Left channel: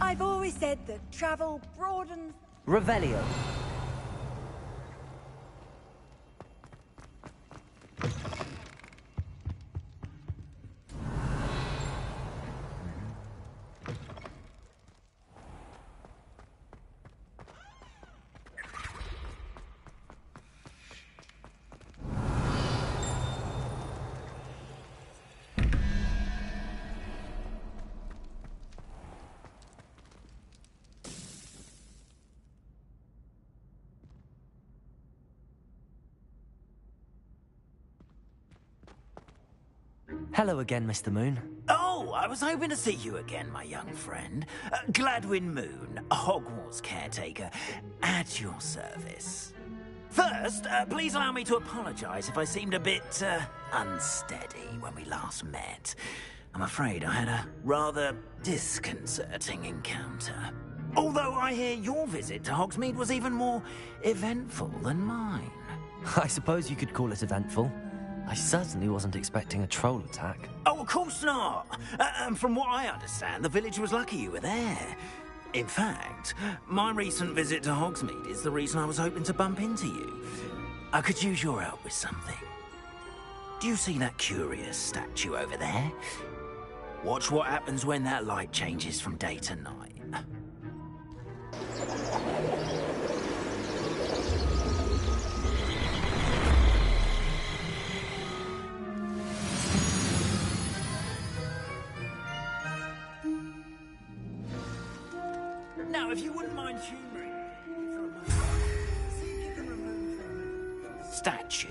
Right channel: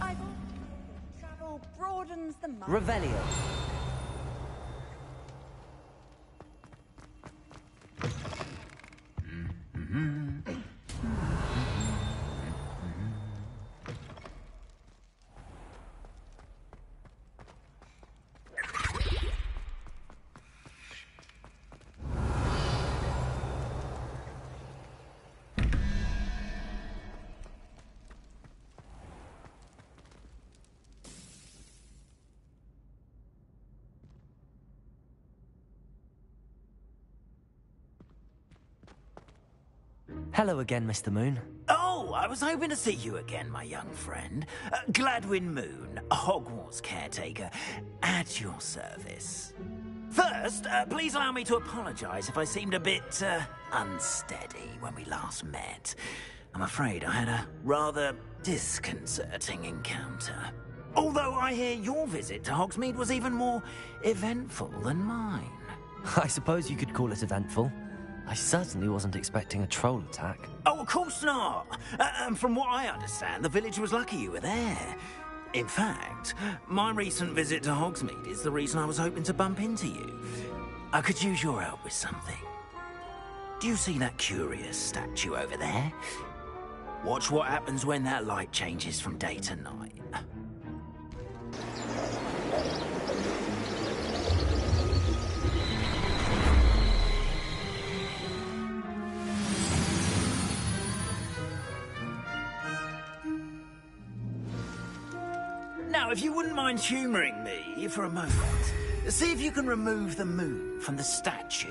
I've always said that travel broadens the mind. Revelio. Hello again, Mr. Moon. Oh, I was hoping to see you again, my young friend. Gladwin Moon, Hogwarts caretaker, at your service. First, please allow me to apologize if I seemed a bit, unsteady when we last met. I'm afraid I had a rather disconcerting encounter. Although I hear your visit to Hogsmeade was even more eventful than mine. I suppose you could call it eventful. I certainly wasn't expecting a troll attack. Oh, of course not. And from what I understand, the village was lucky you were there. In fact, my recent visit to Hogsmeade is the reason I was hoping to bump into you. I could use your help with something. Do you see that curious statue over there? Watch what happens when that light changes from day to night. Now, if you wouldn't mind humouring me for a moment, see if you can remove the moon from the statue.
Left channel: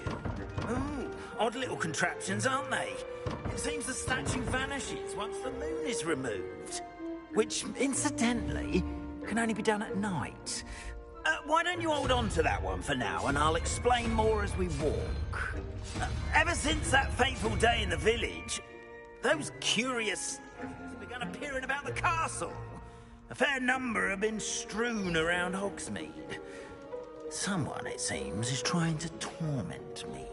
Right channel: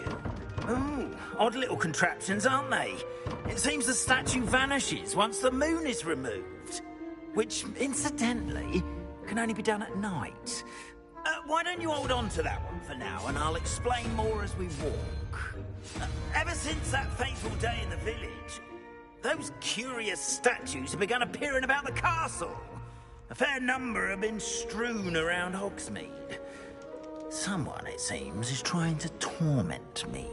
Oh, odd little contraptions, aren't they? It seems the statue vanishes once the moon is removed. Which, incidentally, can only be done at night. Why don't you hold on to that one for now, and I'll explain more as we walk. Ever since that fateful day in the village, those curious statues have begun appearing about the castle. A fair number have been strewn around Hogsmeade. Someone, it seems, is trying to torment me.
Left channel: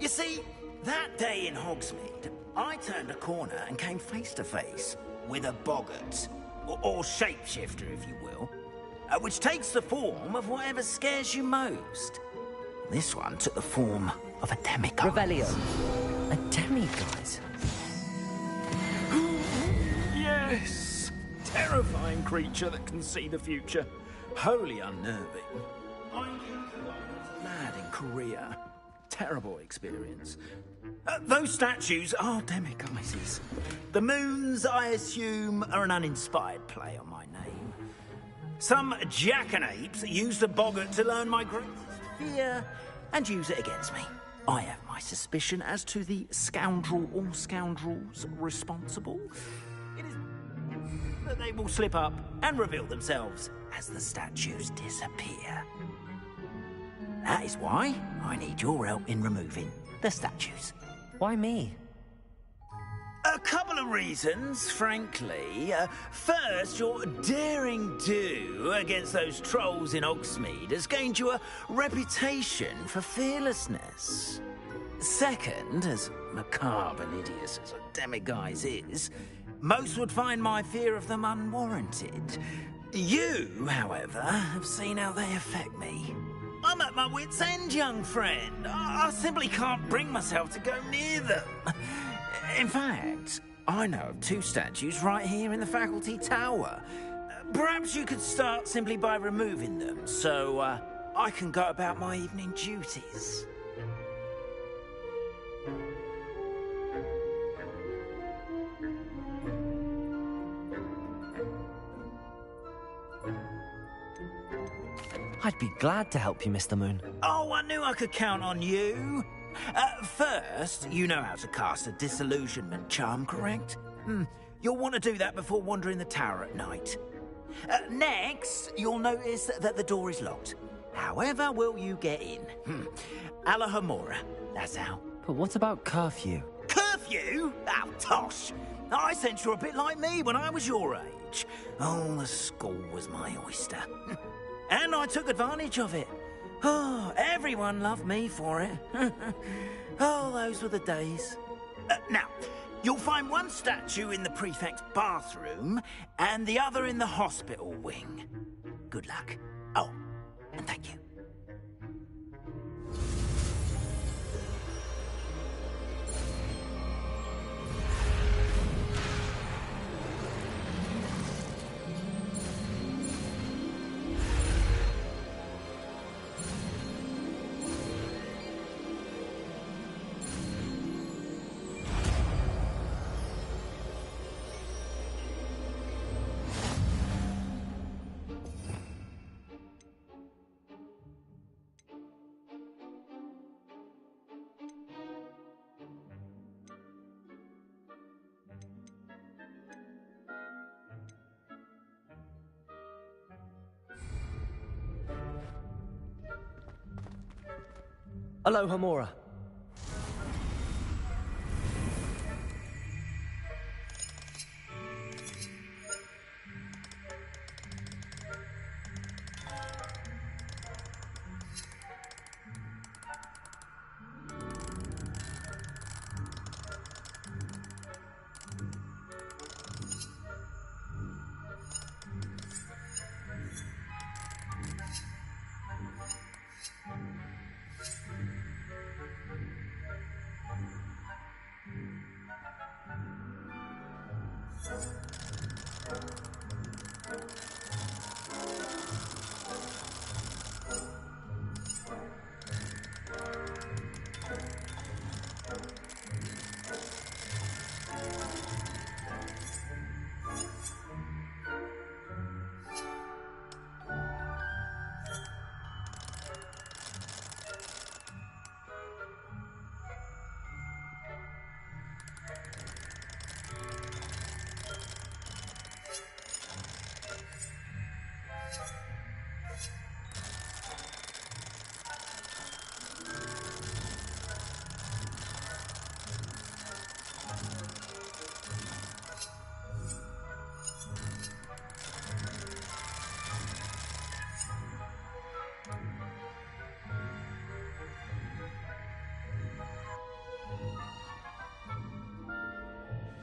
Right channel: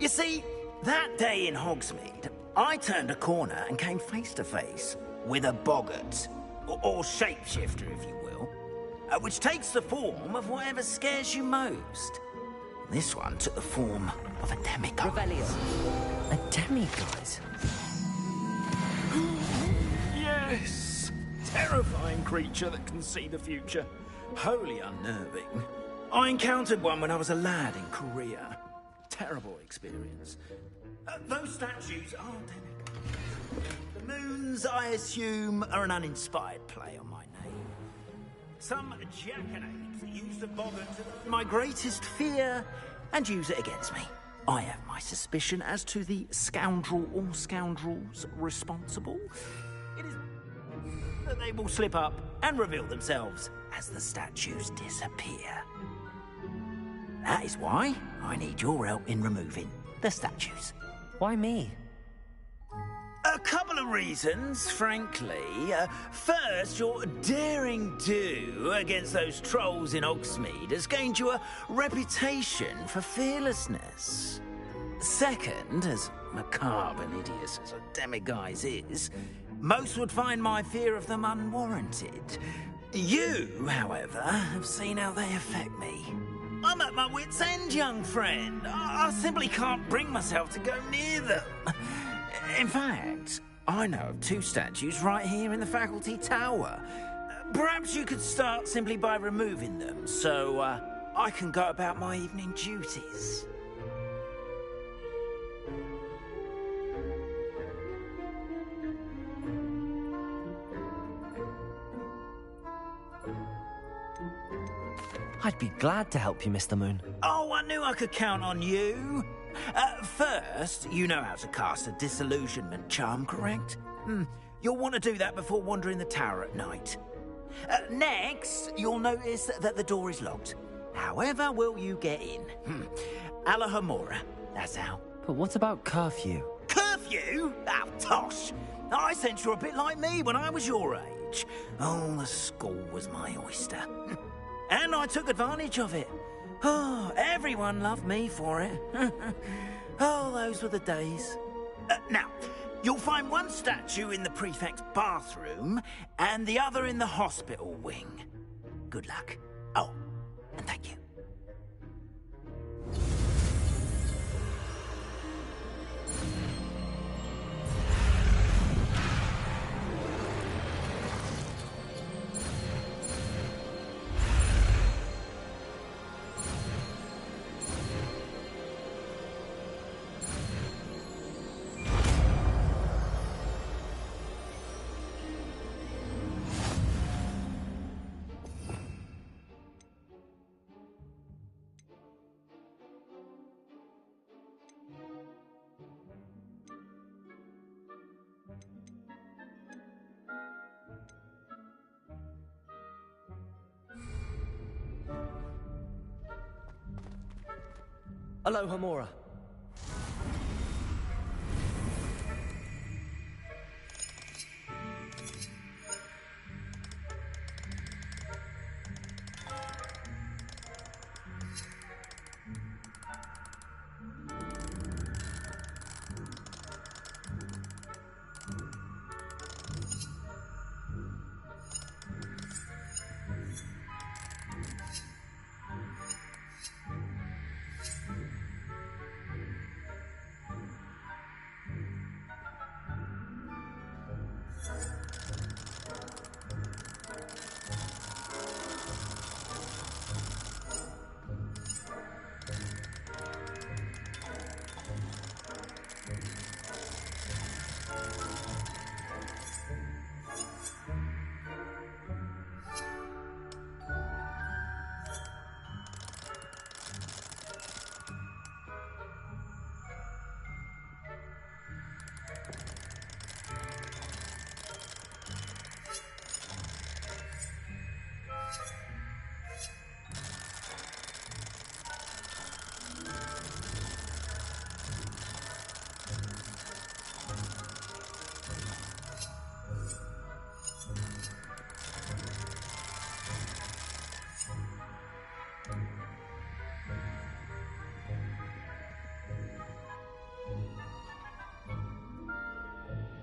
You see, that day in Hogsmeade, I turned a corner and came face to face with a boggart, or shapeshifter, if you will, which takes the form of whatever scares you most. This one took the form of a demiguise. Revelio. A demiguise? Yes! Terrifying creature that can see the future. Wholly unnerving. I encountered one when I was a lad in Korea. Terrible experience. Those statues are demiguises. The moons, I assume, are an uninspired play on my name. Some jackanapes used the boggart to learn my greatest fear and use it against me. I have my suspicion as to the scoundrel or scoundrels responsible. It is that they will slip up and reveal themselves as the statues disappear. That is why I need your help in removing the statues. Why me? A couple of reasons, frankly. First, your daring do against those trolls in Hogsmeade has gained you a reputation for fearlessness. Second, as macabre and hideous as a demiguise is, most would find my fear of them unwarranted. You, however, have seen how they affect me. I'm at my wit's end, young friend. I simply can't bring myself to go near them. In fact, I know of two statues right here in the faculty tower. Perhaps you could start simply by removing them, so I can go about my evening duties. I'd be glad to help you, Mr. Moon. Oh, I knew I could count on you. First, you know how to cast a disillusionment charm, correct? You'll want to do that before wandering the tower at night. Next, you'll notice that the door is locked. However will you get in? Alahomora, that's how. But what about curfew? Curfew? Oh, tosh. I sense you're a bit like me when I was your age. Oh, the school was my oyster. And I took advantage of it. Oh, everyone loved me for it. Oh, those were the days. Now, you'll find one statue in the prefect's bathroom and the other in the hospital wing. Good luck. Oh, and thank you. Aloha Mora.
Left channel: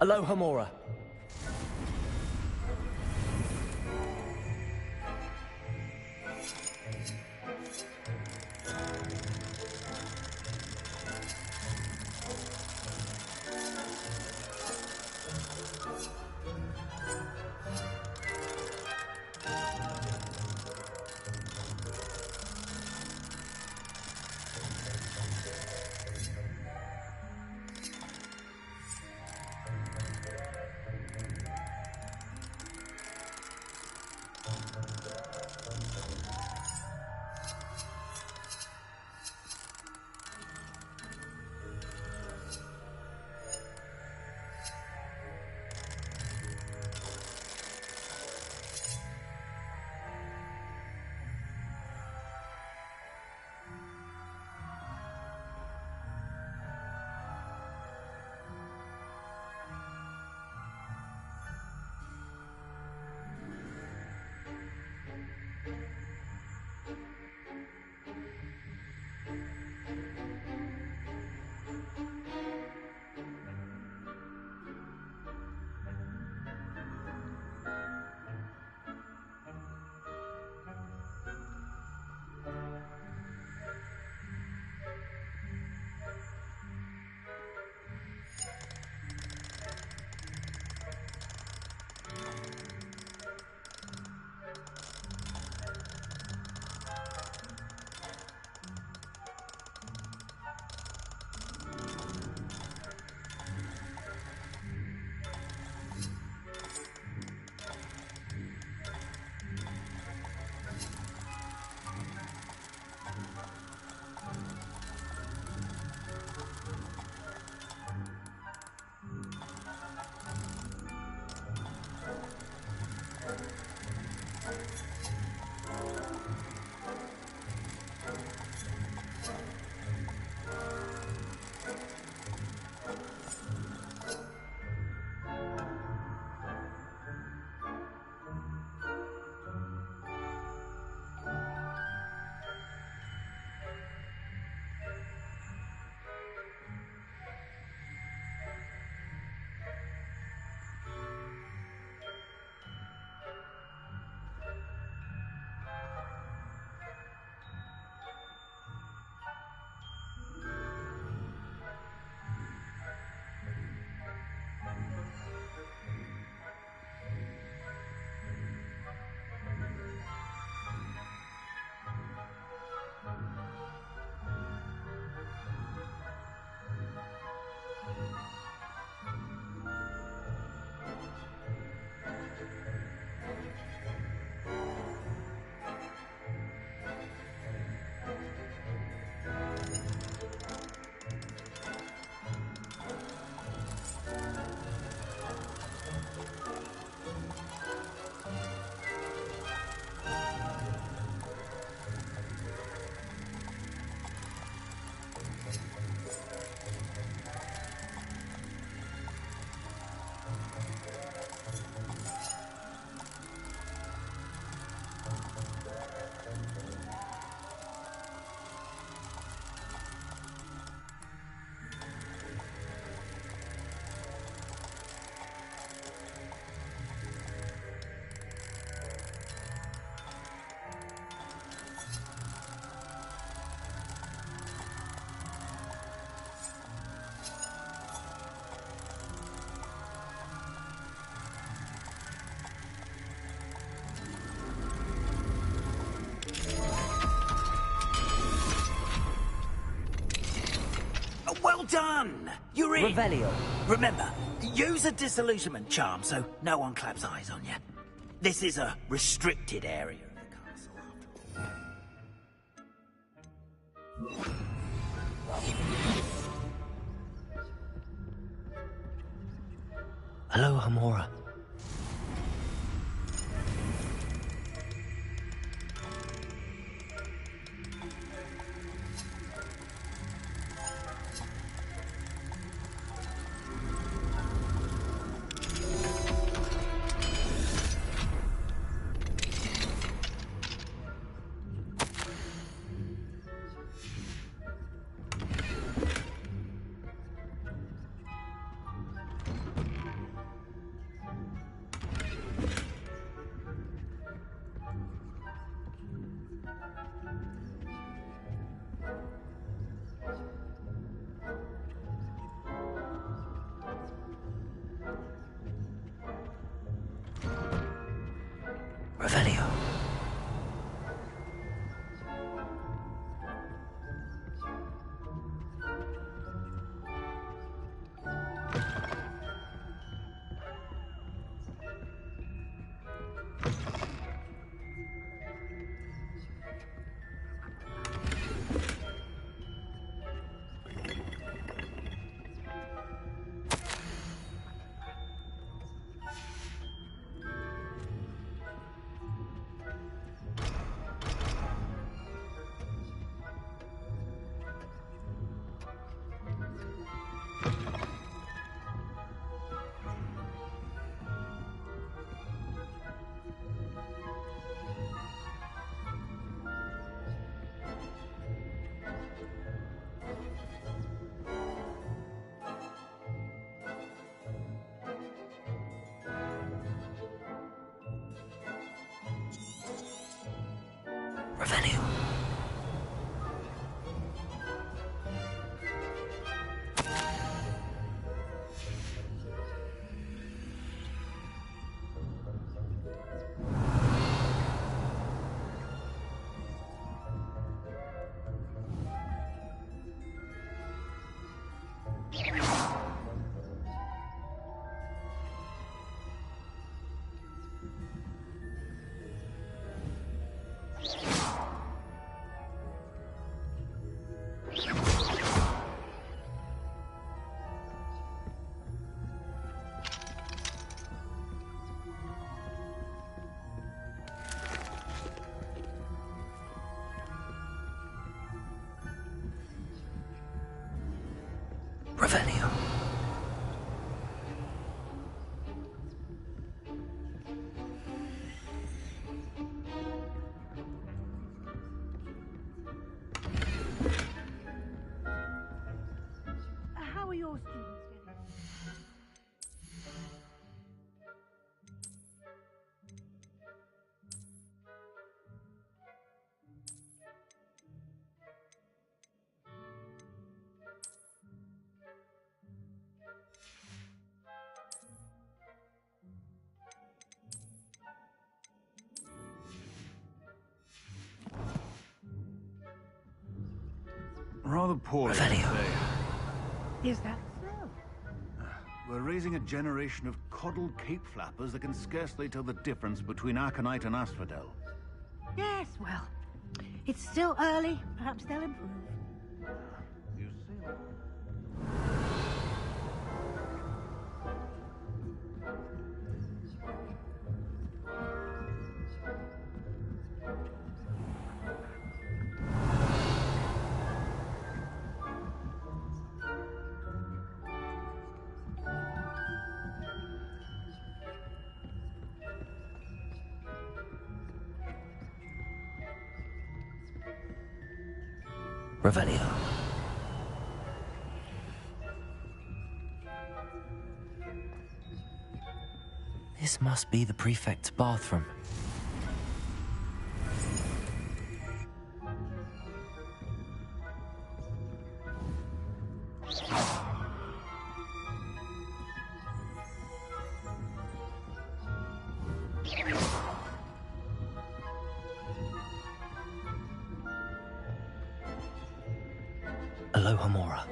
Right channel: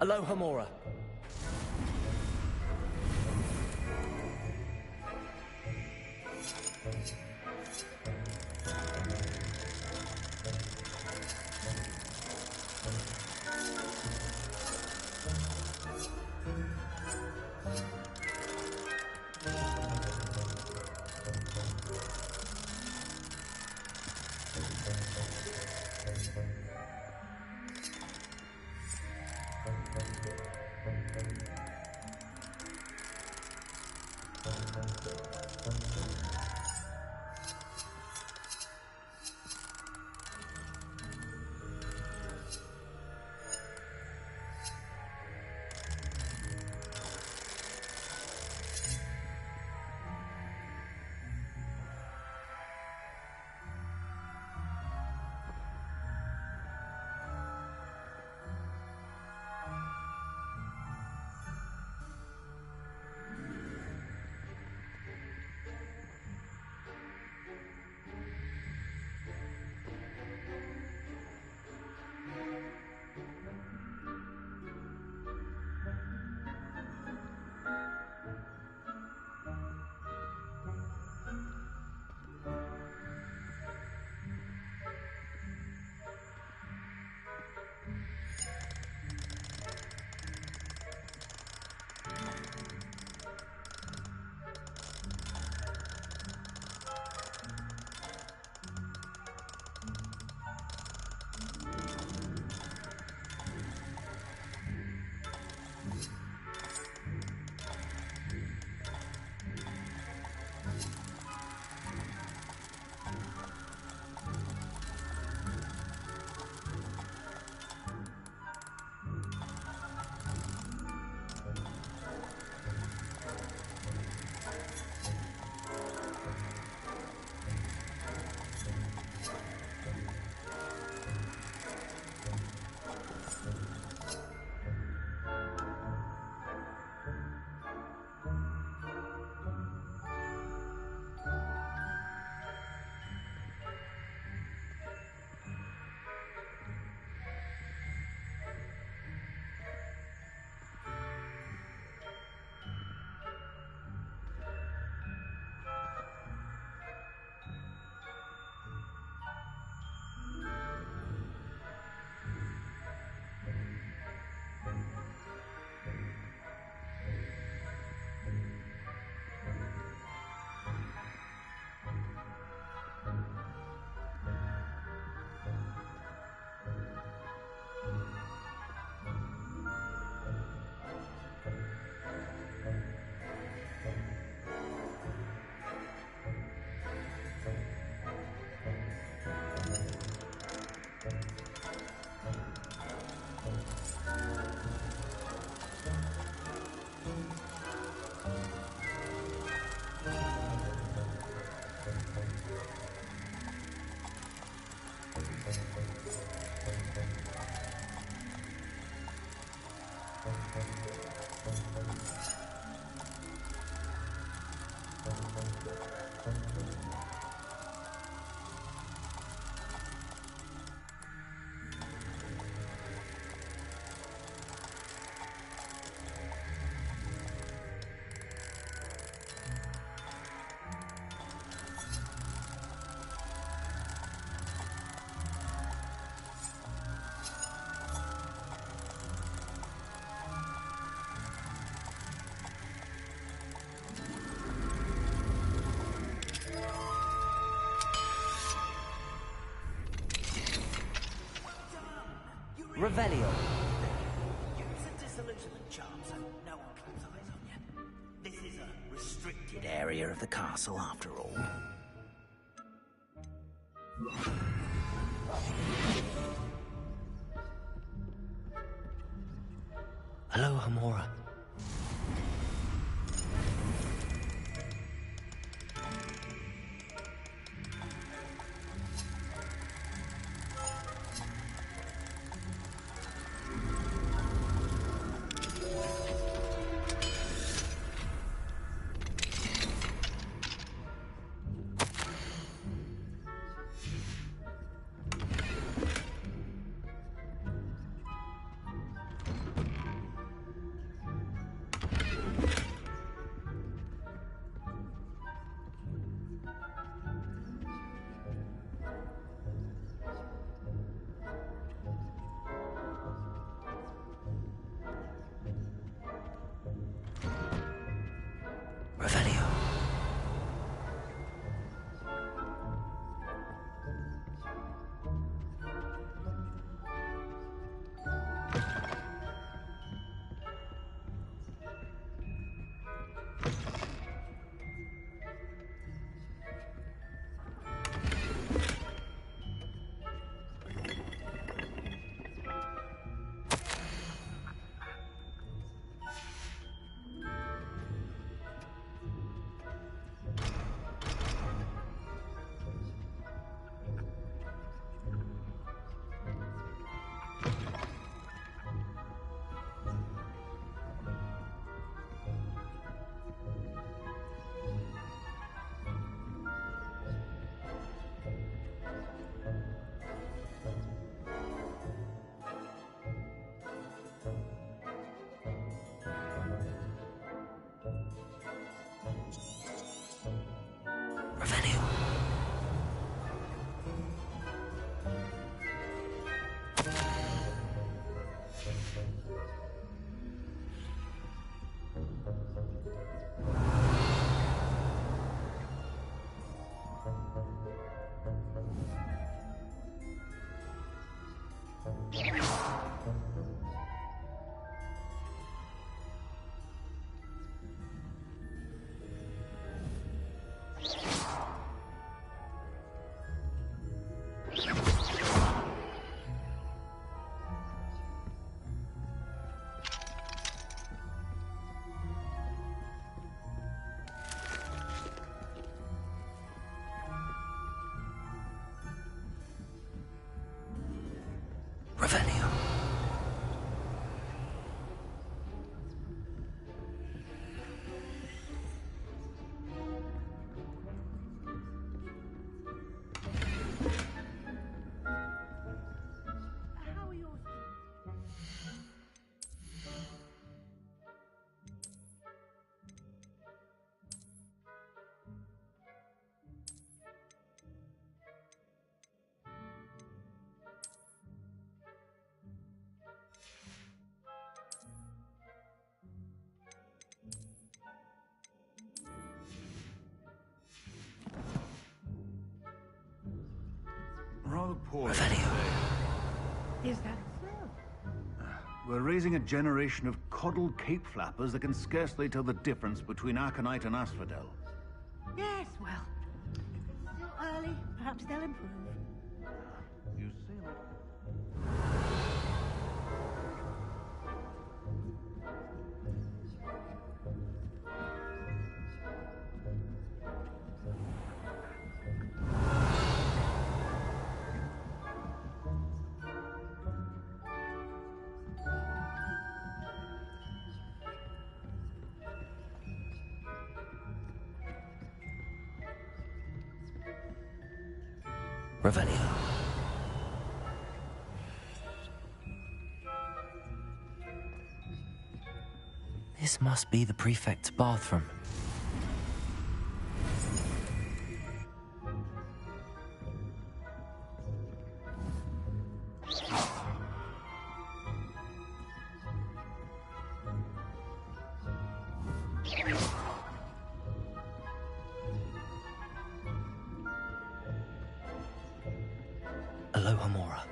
Aloha Mora. You're in. Revelio. Remember, use a disillusionment charm so no one claps eyes on you. This is a restricted area of the castle, after all. Hello, Hamora. Revelio. Revelio. Revelio. How are your students getting? Rather poorly Revelio. today. Is that so? We're raising a generation of coddled cape flappers that can scarcely tell the difference between Aconite and Asphodel. Yes, well, it's still early. Perhaps they'll improve. You say that? Revelio. This must be the prefect's bathroom. Aloha Mora.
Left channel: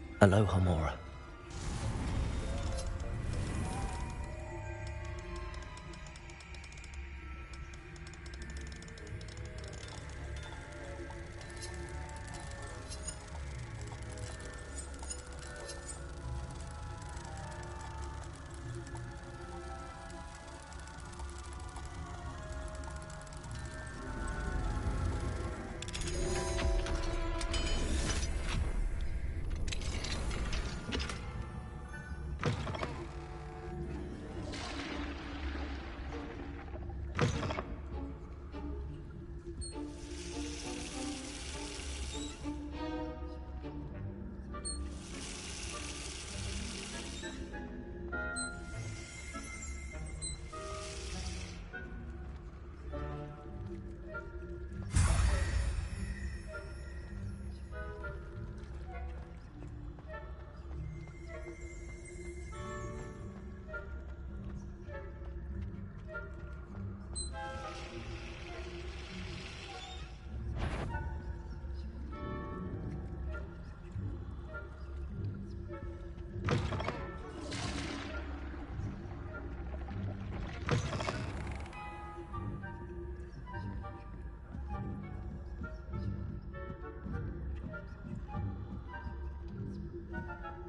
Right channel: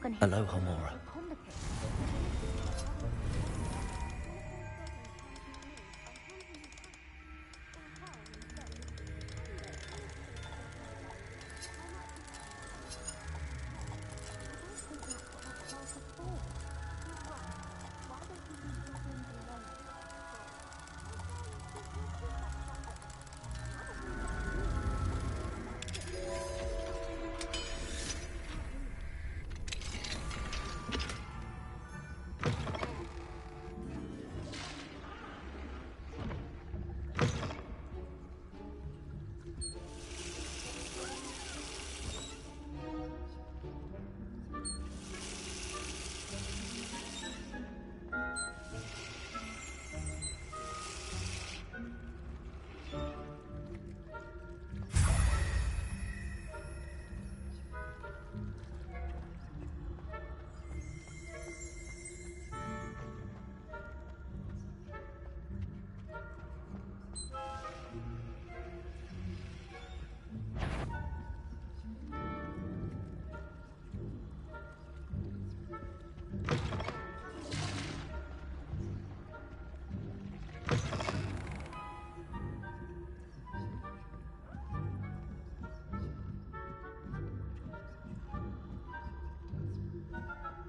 can hear Aloha, Mora.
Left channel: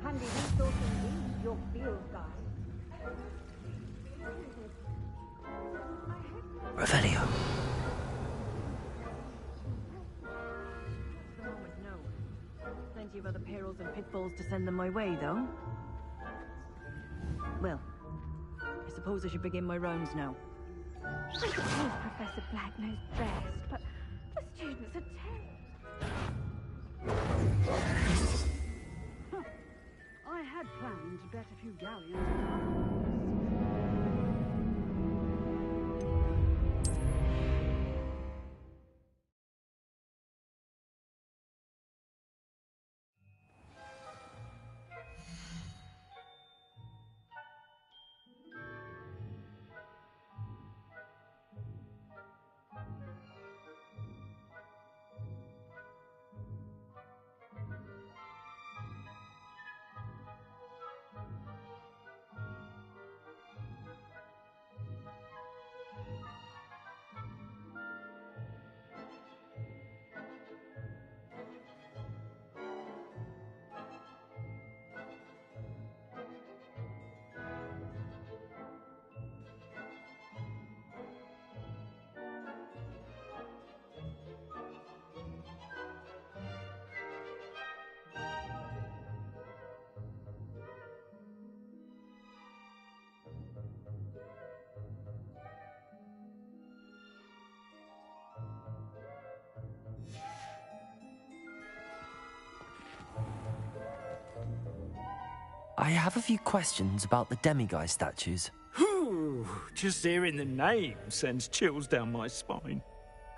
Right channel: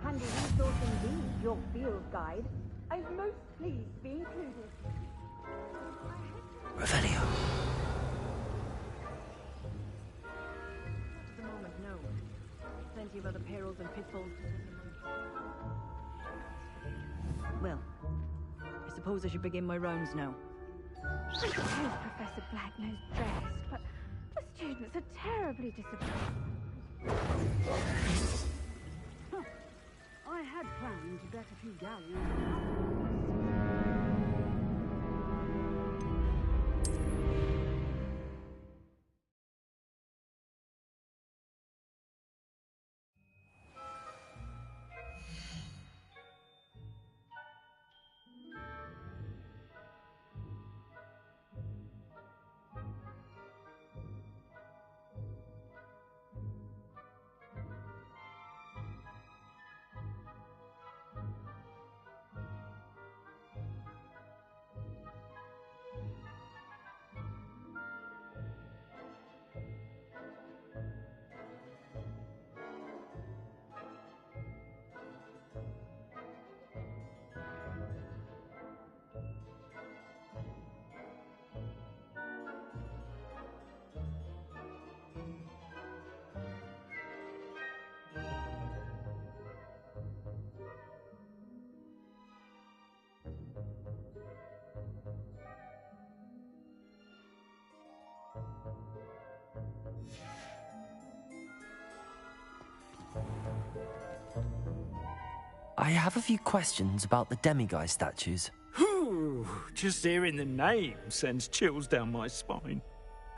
Handy resource indeed, your field guide. I am most pleased to be included. Revelio. At the moment, no. Plenty of other perils and pitfalls to send them my way, though. Well, I suppose I should begin my rounds now. I suppose Professor Black knows best, but the students are terribly disappointed. I had planned to bet a few galleons in Hogwarts. I have a few questions about the demiguise statues. Whew, just hearing the name sends chills down my spine.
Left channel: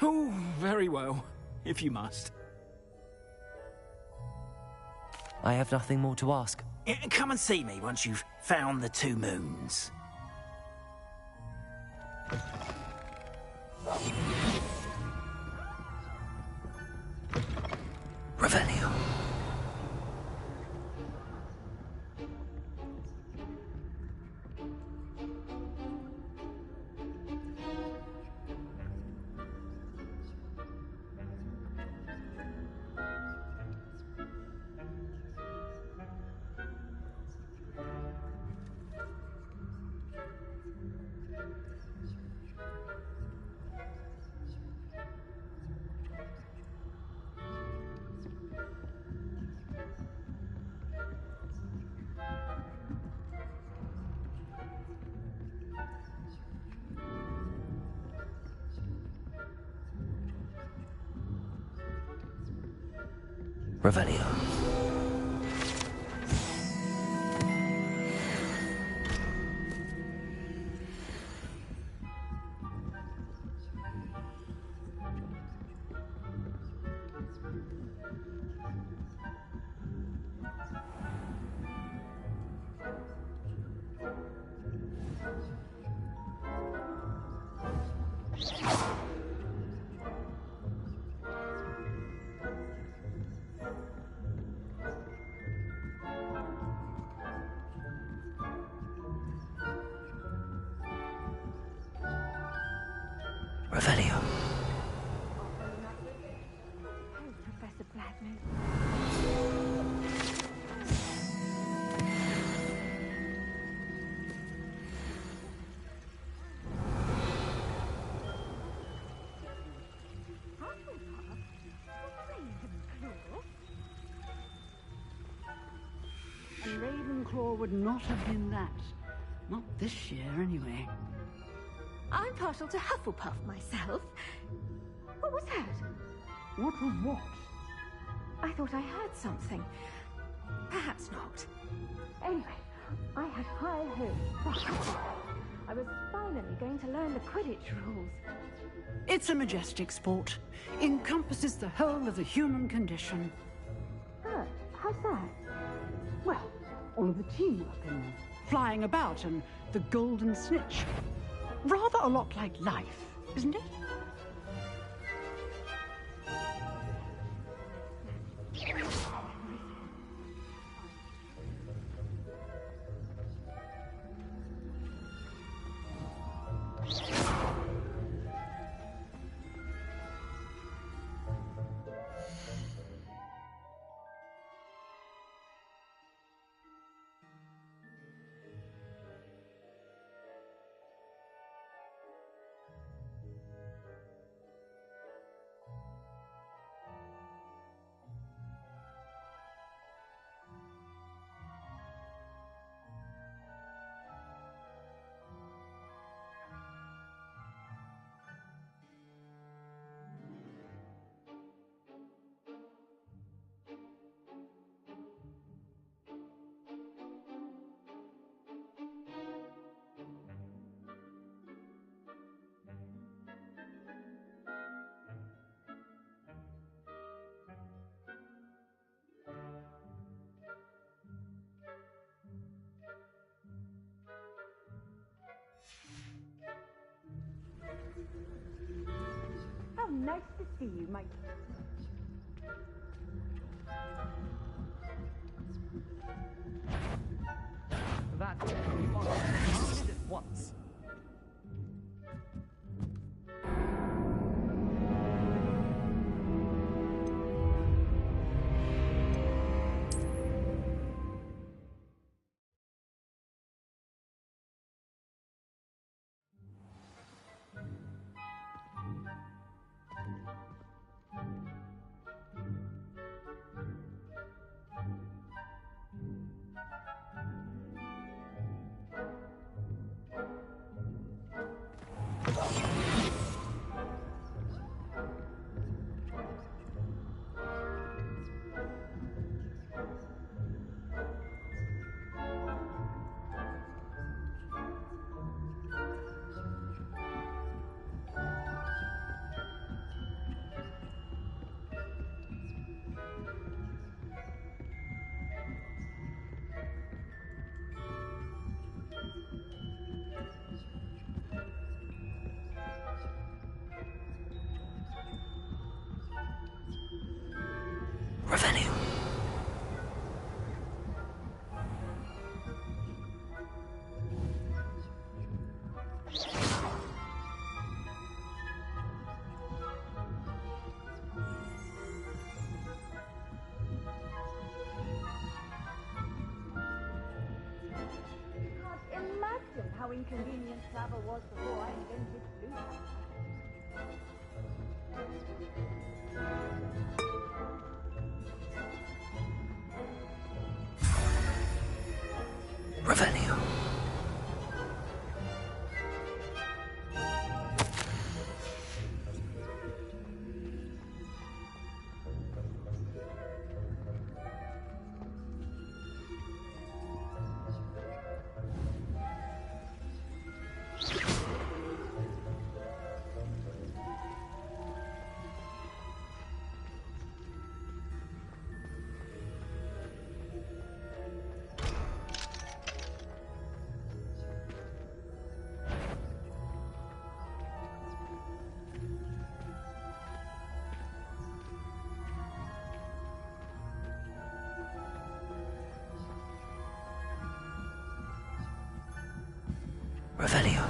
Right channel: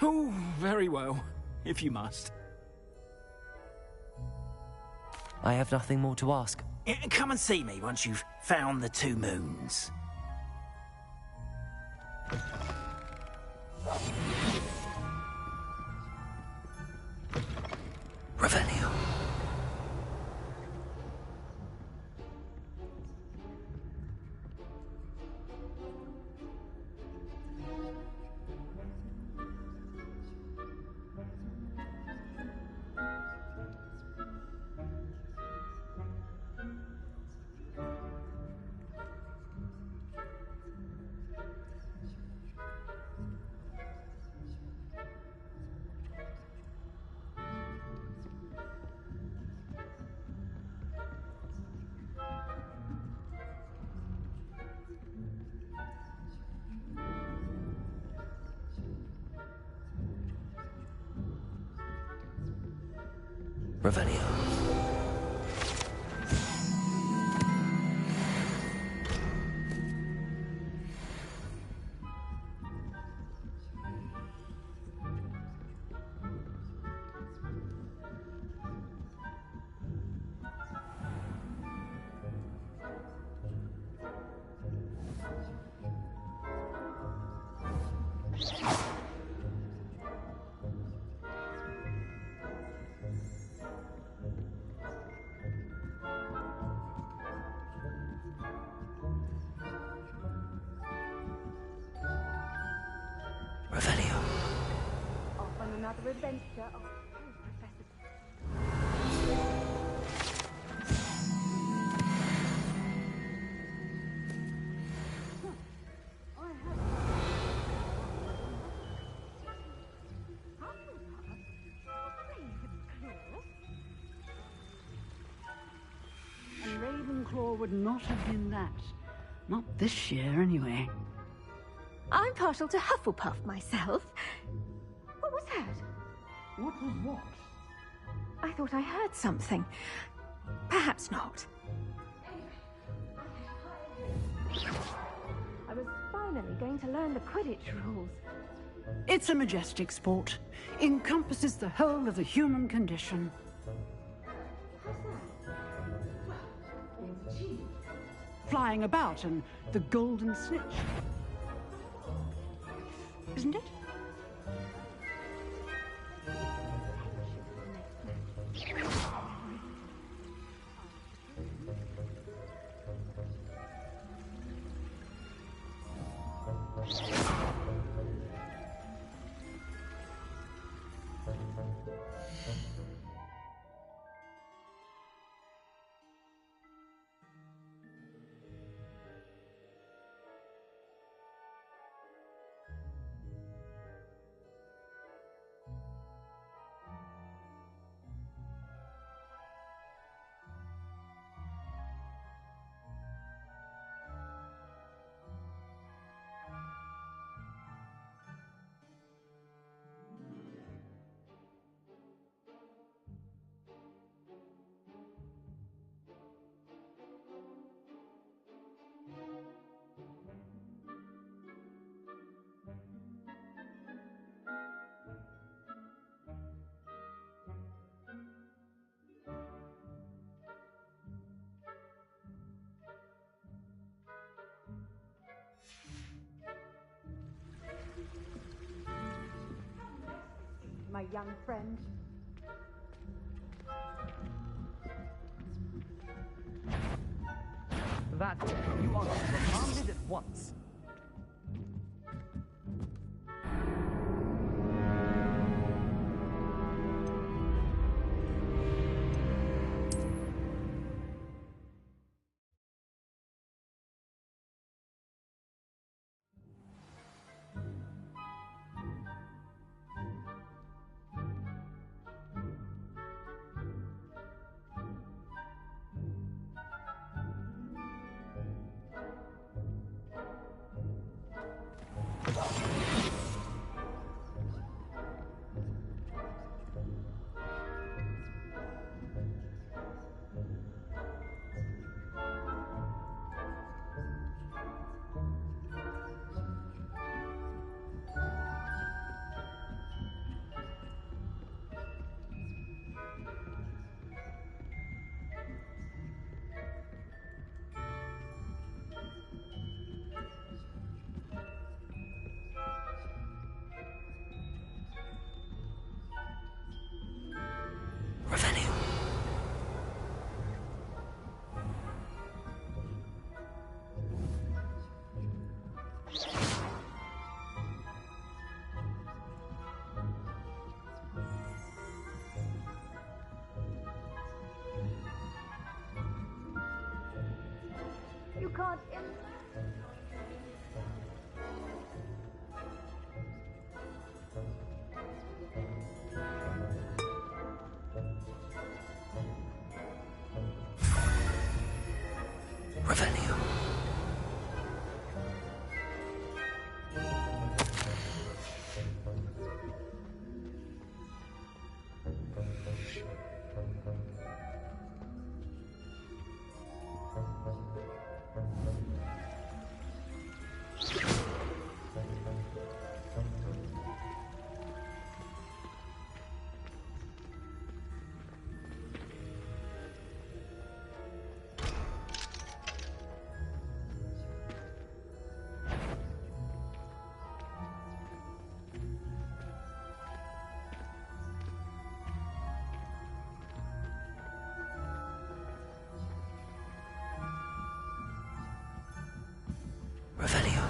Oh, very well, if you must. I have nothing more to ask. Come and see me once you've found the 2 moons. Revelio. Revelio. Revelio. Off on another adventure. Oh, Professor Blackman. And Ravenclaw would not have been that. Not this year, anyway. I'm partial to Hufflepuff myself. What was that? What was what? I thought I heard something. Perhaps not. Anyway, I had high hopes. I was finally going to learn the Quidditch rules. It's a majestic sport. Encompasses the whole of the human condition. How's that? Well, all of the team flying about and the golden snitch. Rather a lot like life, isn't it? How nice to see you, my young friend. That's it. You are commanded at once. Revelio. You can't imagine how inconvenient travel was before I invented food. Revelio. Revelio.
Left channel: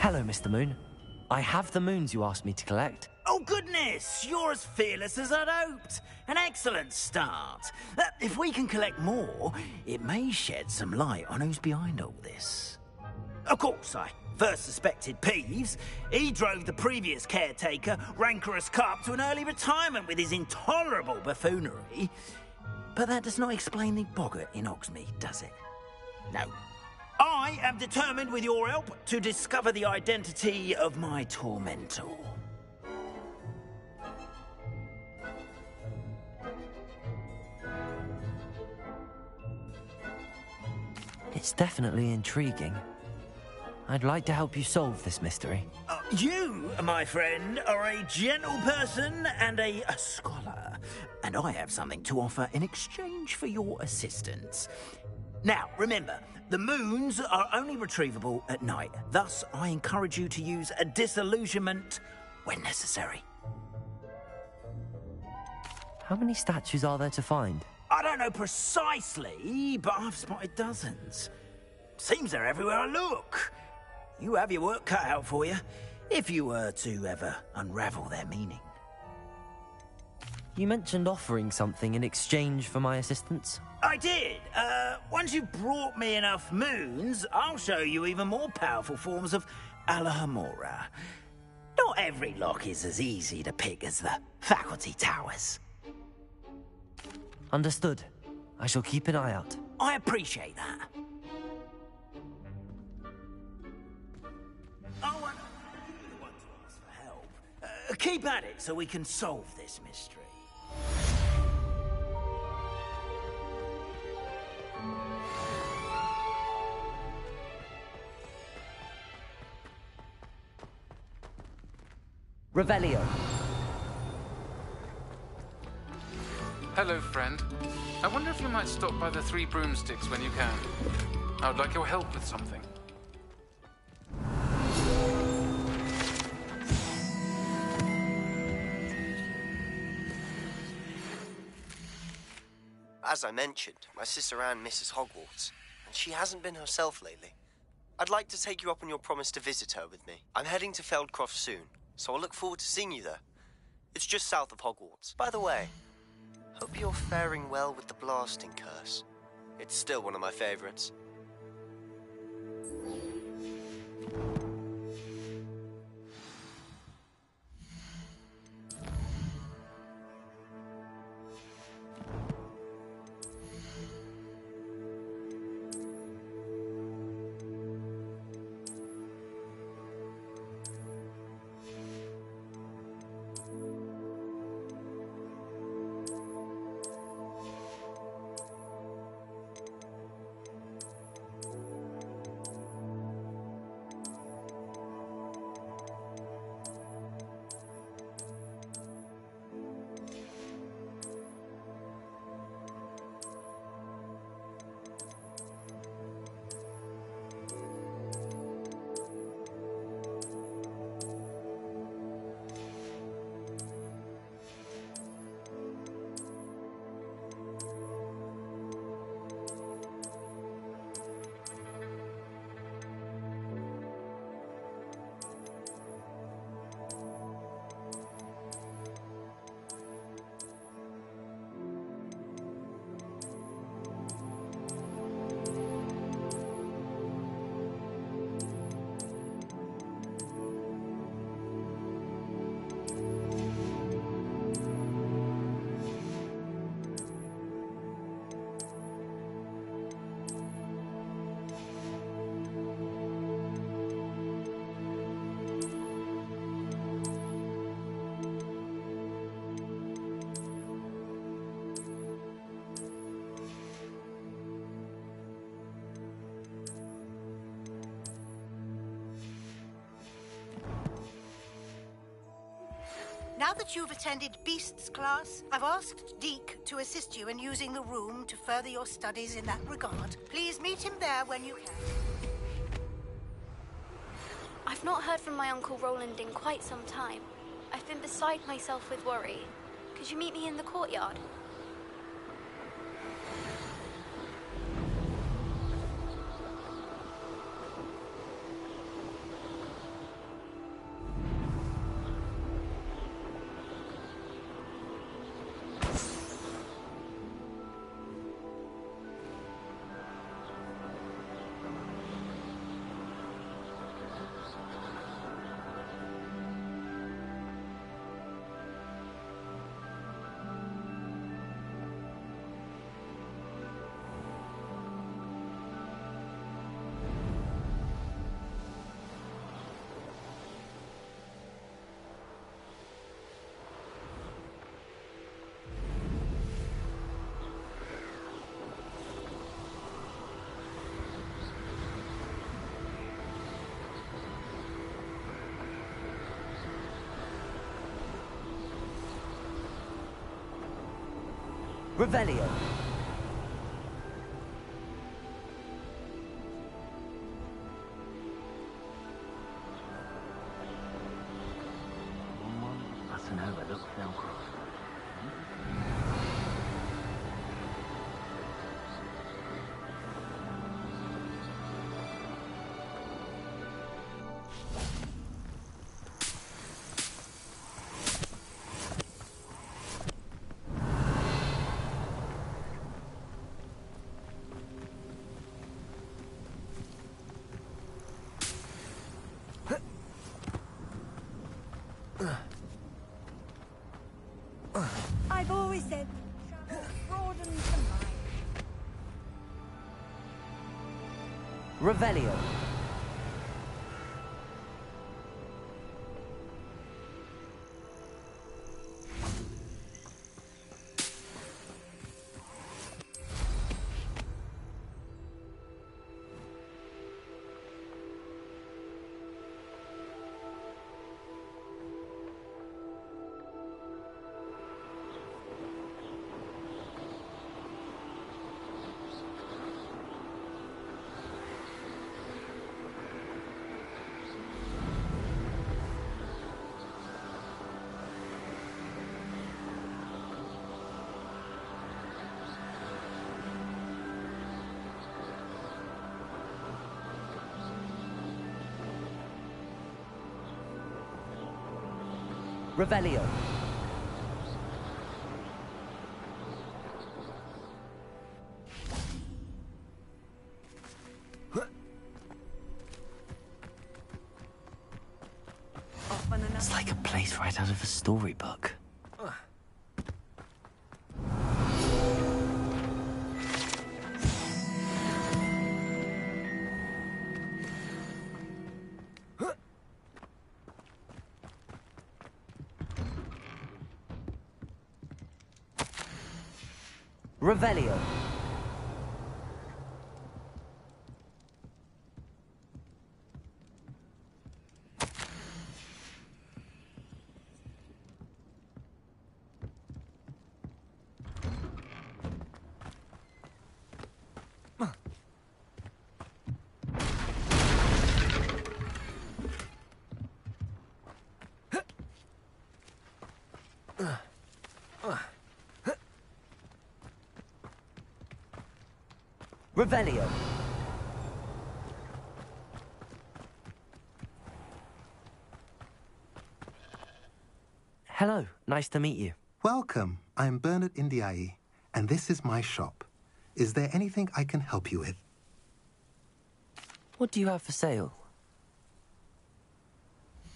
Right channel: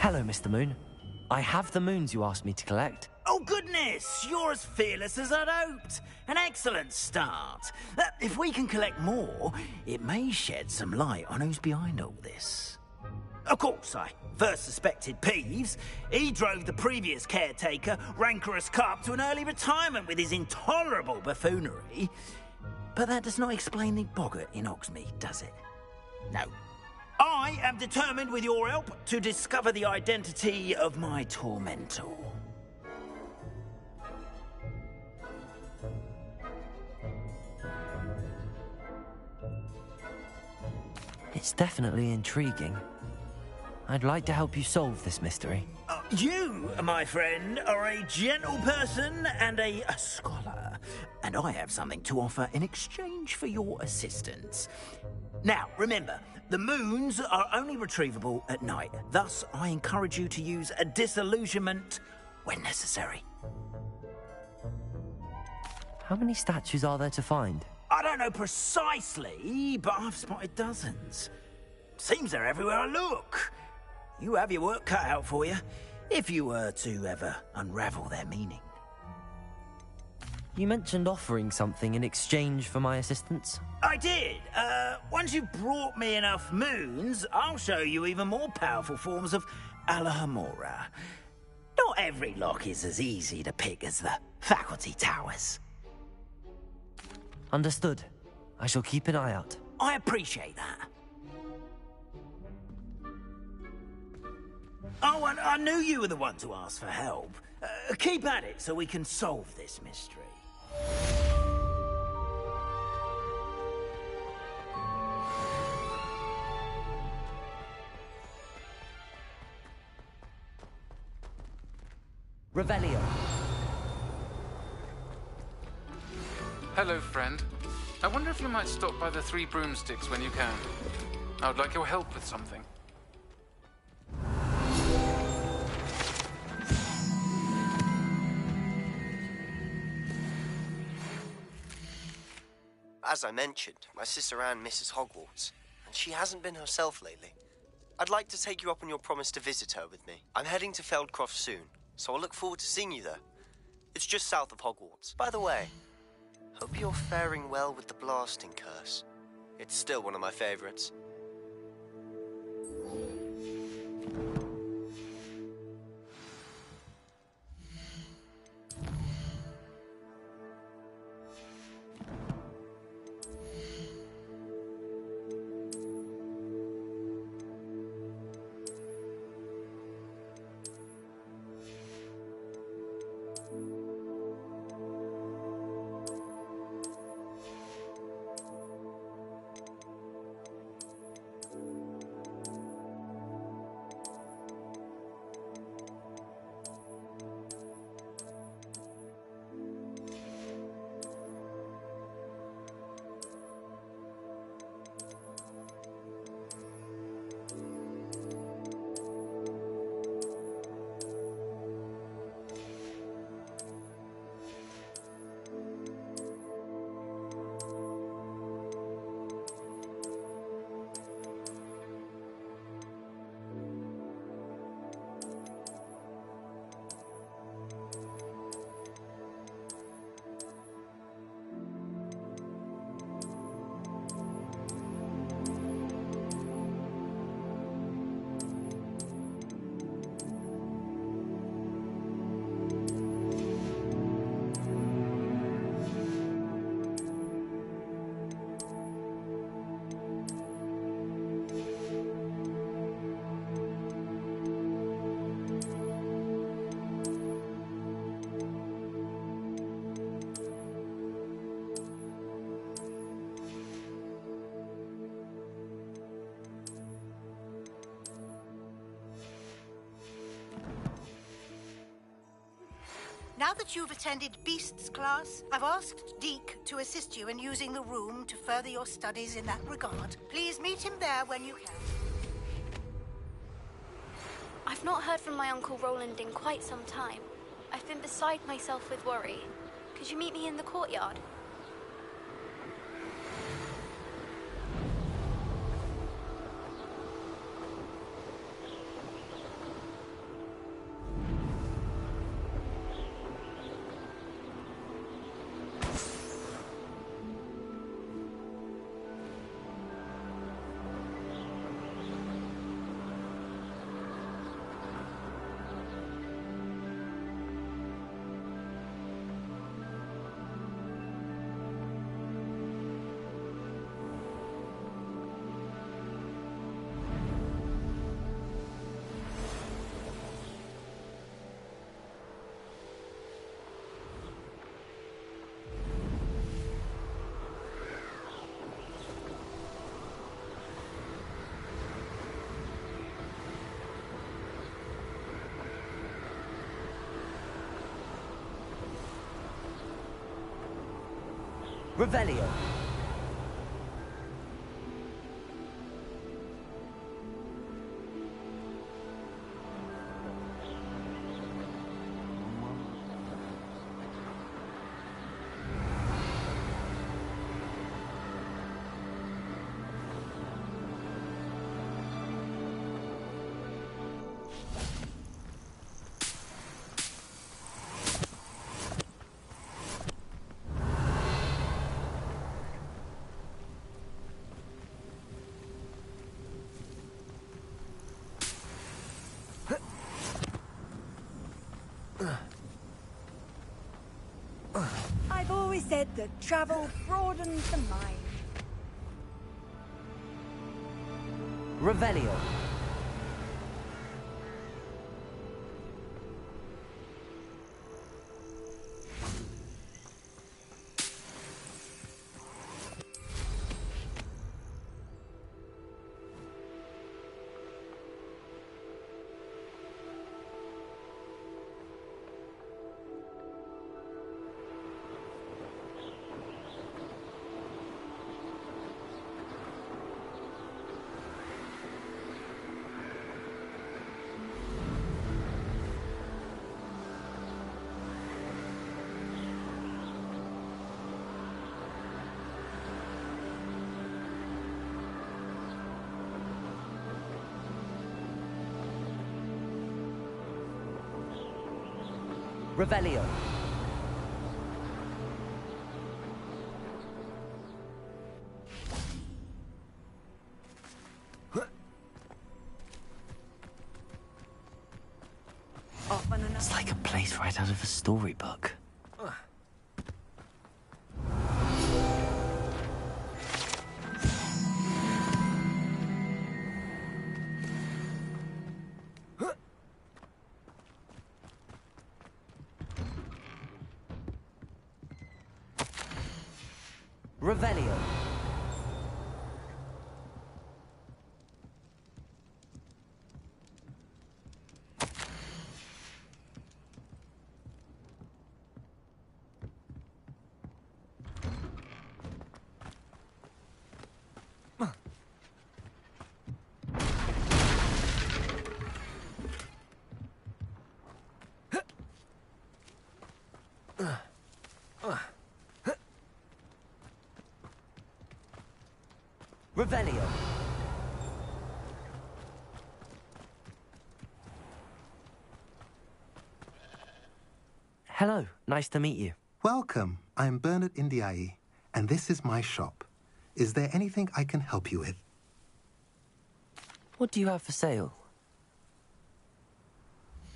Hello, Mr. Moon. I have the moons you asked me to collect. Oh, goodness! You're as fearless as I'd hoped. An excellent start. If we can collect more, it may shed some light on who's behind all this. Of course, I first suspected Peeves. He drove the previous caretaker, Rancorous Carp, to an early retirement with his intolerable buffoonery. But that does not explain the boggart in Hogsmeade, does it? No. I am determined, with your help, to discover the identity of my tormentor. It's definitely intriguing. I'd like to help you solve this mystery. You, my friend, are a gentle person and a scholar, and I have something to offer in exchange for your assistance. Now, remember, the moons are only retrievable at night. Thus, I encourage you to use a disillusionment when necessary. How many statues are there to find? I don't know precisely, but I've spotted dozens. Seems they're everywhere I look. You have your work cut out for you, if you were to ever unravel their meaning. You mentioned offering something in exchange for my assistance? I did. Once you've brought me enough moons, I'll show you even more powerful forms of Alahamora. Not every lock is as easy to pick as the faculty towers. Understood. I shall keep an eye out. I appreciate that. Oh, and I knew you were the one to ask for help. Keep at it so we can solve this mystery. Revelio. Hello, friend. I wonder if you might stop by the Three Broomsticks when you can. I would like your help with something. As I mentioned, my sister Anne misses Hogwarts, and she hasn't been herself lately. I'd like to take you up on your promise to visit her with me. I'm heading to Feldcroft soon, so I'll look forward to seeing you there. It's just south of Hogwarts. By the way, hope you're faring well with the blasting curse. It's still one of my favorites. that you've attended Beasts class, I've asked Deke to assist you in using the room to further your studies in that regard. Please meet him there when you can. I've not heard from my Uncle Roland in quite some time. I've been beside myself with worry. Could you meet me in the courtyard? Revelio. I've always said that travel broadens the mind. Revelio. Revelio. It's like a place right out of a storybook. Revelio. Revelio. Hello, nice to meet you. Welcome. I'm Bernard Indiai, and this is my shop. Is there anything I can help you with? What do you have for sale?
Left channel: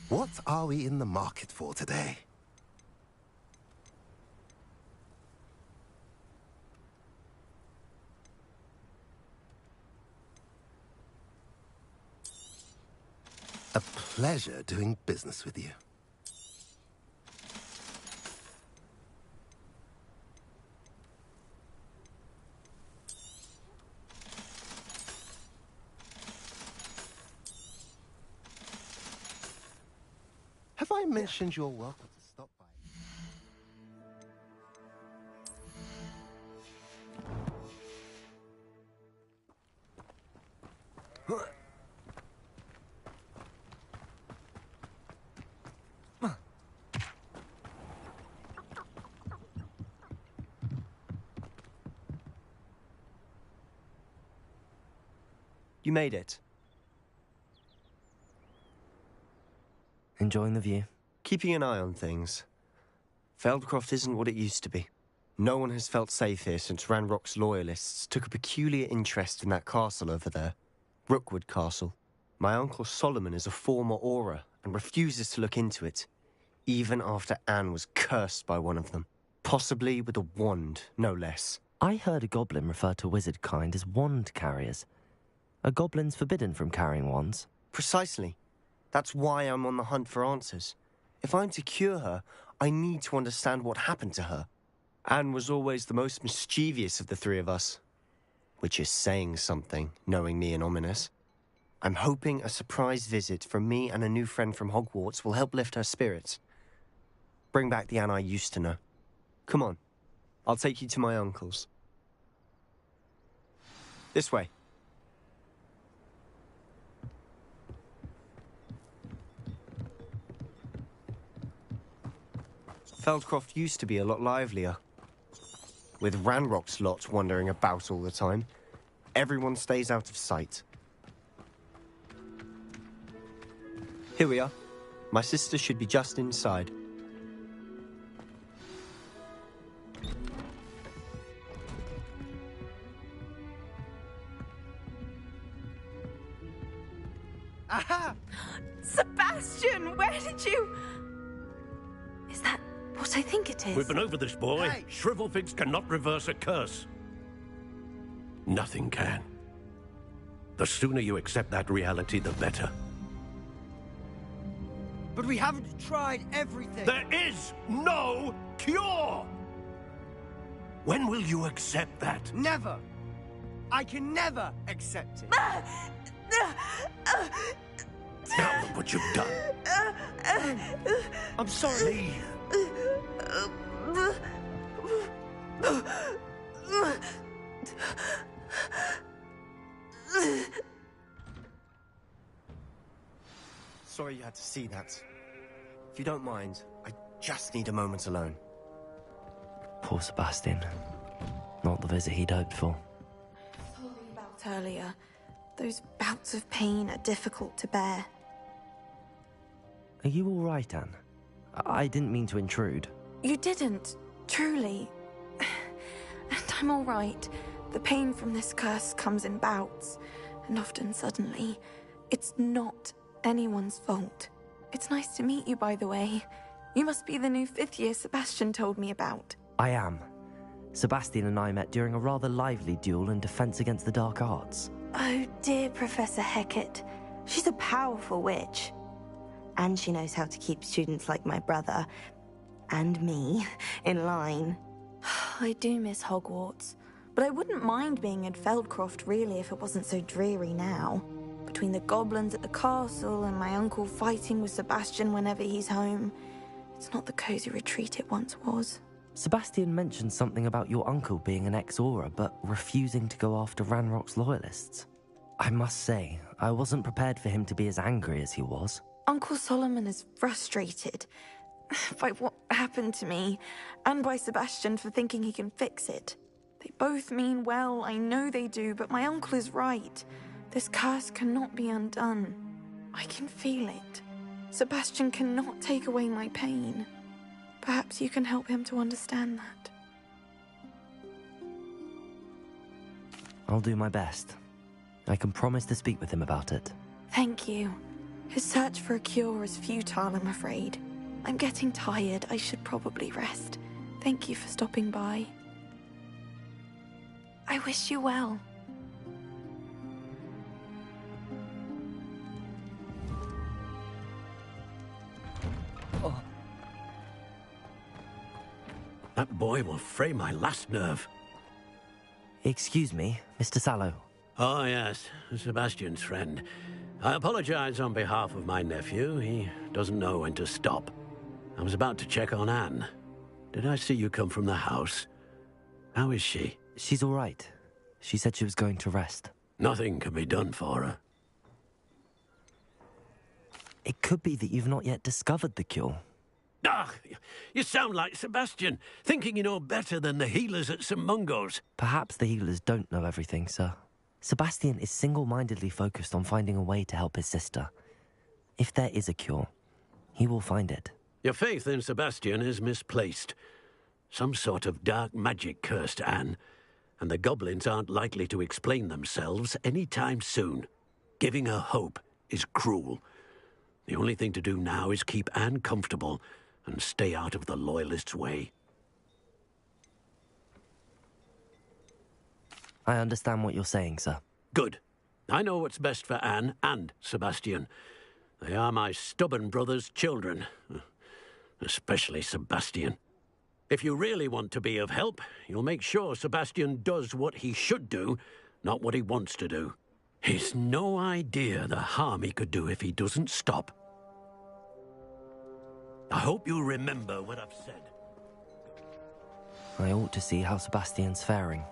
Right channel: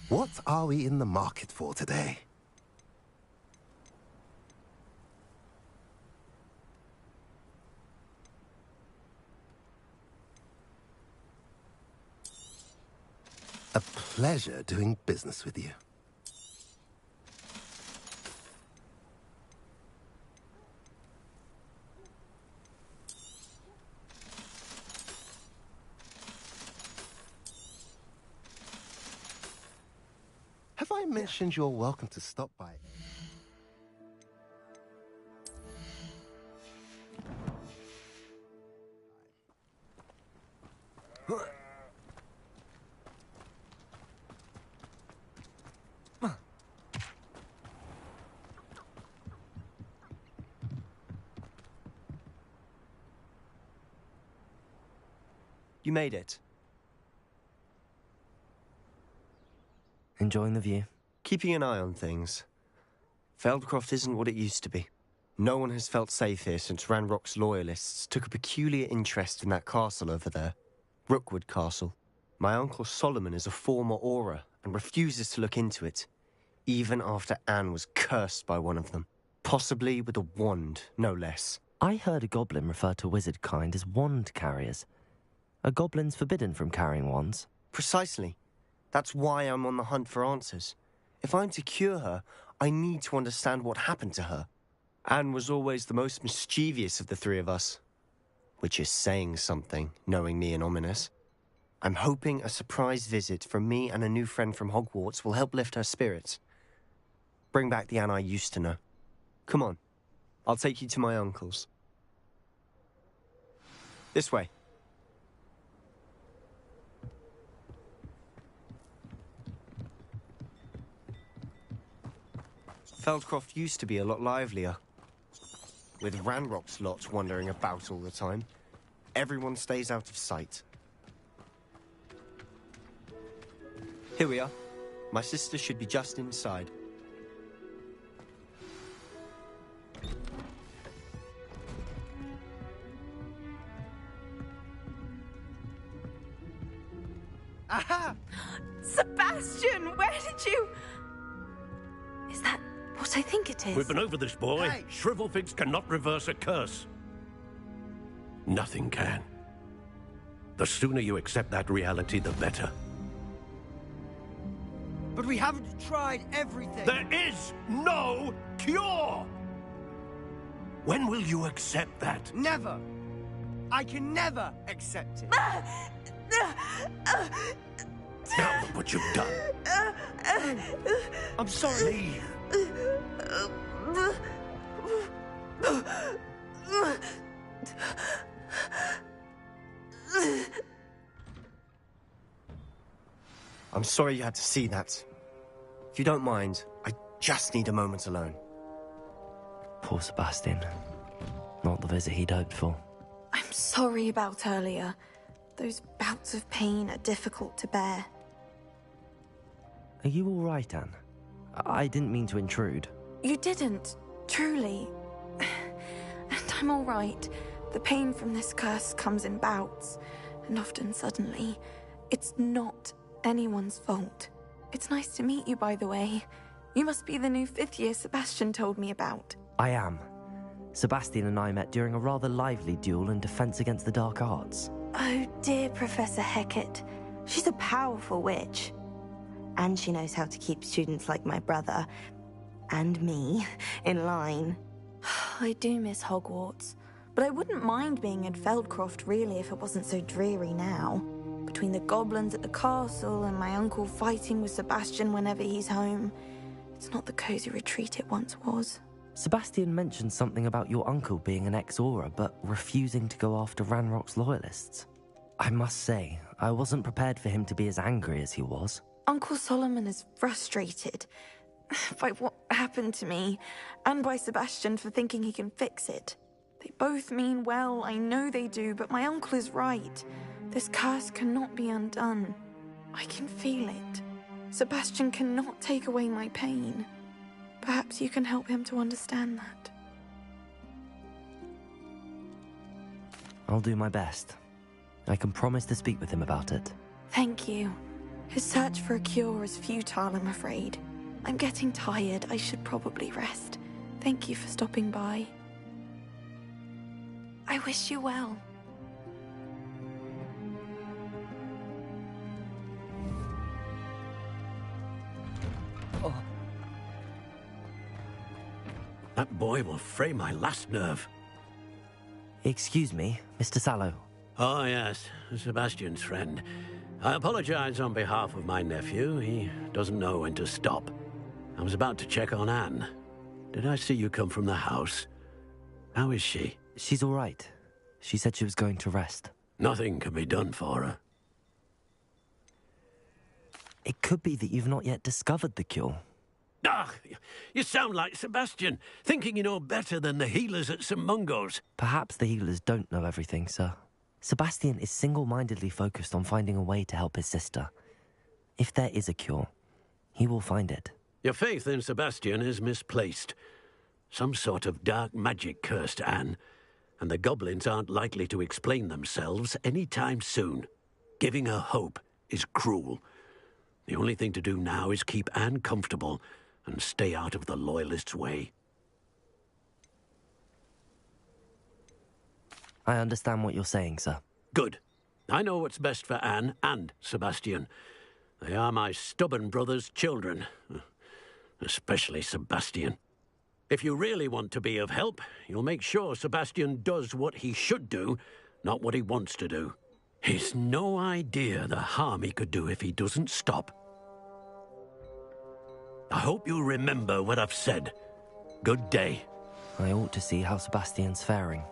What are we in the market for today? A pleasure doing business with you. Have I mentioned you're welcome to stop by? You made it. Enjoying the view? Keeping an eye on things. Feldcroft isn't what it used to be. No one has felt safe here since Ranrock's loyalists took a peculiar interest in that castle over there. Rookwood Castle. My Uncle Solomon is a former Auror and refuses to look into it, even after Anne was cursed by one of them. Possibly with a wand, no less. I heard a goblin refer to wizard kind as wand carriers. Are goblins forbidden from carrying wands? Precisely. That's why I'm on the hunt for answers. If I'm to cure her, I need to understand what happened to her. Anne was always the most mischievous of the three of us. Which is saying something, knowing me and Ominous. I'm hoping a surprise visit from me and a new friend from Hogwarts will help lift her spirits. Bring back the Anne I used to know. Come on. I'll take you to my uncle's. This way. Feldcroft used to be a lot livelier. With Ranrock's lot wandering about all the time, everyone stays out of sight. Here we are. My sister should be just inside. Aha! Sebastian, where did you... Is that what I think it is? We've been over this, boy. Hey. Shrivelfigs cannot reverse a curse. Nothing can. The sooner you accept that reality, the better. But we haven't tried everything. There is no cure! When will you accept that? Never! I can never accept it. Now look what you've done. I'm sorry. I'm sorry you had to see that. If you don't mind, I just need a moment alone. Poor Sebastian. Not the visit he'd hoped for. I'm sorry about earlier. Those bouts of pain are difficult to bear. Are you all right, Anne? I didn't mean to intrude. You didn't, truly. And I'm all right. The pain from this curse comes in bouts, and often suddenly. It's not anyone's fault. It's nice to meet you, by the way. You must be the new 5th year Sebastian told me about. I am. Sebastian and I met during a rather lively duel in Defense Against the Dark Arts. Oh dear, Professor Hecat. She's a powerful witch. And she knows how to keep students like my brother, and me, in line. I do miss Hogwarts, but I wouldn't mind being in Feldcroft, really, if it wasn't so dreary now. Between the goblins at the castle and my uncle fighting with Sebastian whenever he's home, it's not the cozy retreat it once was. Sebastian mentioned something about your uncle being an ex-Auror, but refusing to go after Ranrock's loyalists. I must say, I wasn't prepared for him to be as angry as he was. Uncle Solomon is frustrated by what happened to me, and by Sebastian for thinking he can fix it. They both mean well, I know they do, but my uncle is right. This curse cannot be undone. I can feel it. Sebastian cannot take away my pain. Perhaps you can help him to understand that. I'll do my best. I can promise to speak with him about it. Thank you. His search for a cure is futile, I'm afraid. I'm getting tired. I should probably rest. Thank you for stopping by. I wish you well. Oh. That boy will fray my last nerve. Excuse me, Mr. Sallow. Oh, yes, Sebastian's friend. I apologize on behalf of my nephew. He doesn't know when to stop. I was about to check on Anne. Did I see you come from the house? How is she? She's all right. She said she was going to rest. Nothing can be done for her. It could be that you've not yet discovered the cure. Ah, you sound like Sebastian, thinking you know better than the healers at St. Mungo's. Perhaps the healers don't know everything, sir. Sebastian is single-mindedly focused on finding a way to help his sister. If there is a cure, he will find it. Your faith in Sebastian is misplaced. Some sort of dark magic cursed Anne, and the goblins aren't likely to explain themselves any time soon. Giving her hope is cruel. The only thing to do now is keep Anne comfortable and stay out of the Loyalists' way. I understand what you're saying, sir. Good. I know what's best for Anne and Sebastian. They are my stubborn brother's children. Especially Sebastian. If you really want to be of help, you'll make sure Sebastian does what he should do, not what he wants to do. He's no idea the harm he could do if he doesn't stop. I hope you remember what I've said. Good day. I ought to see how Sebastian's faring.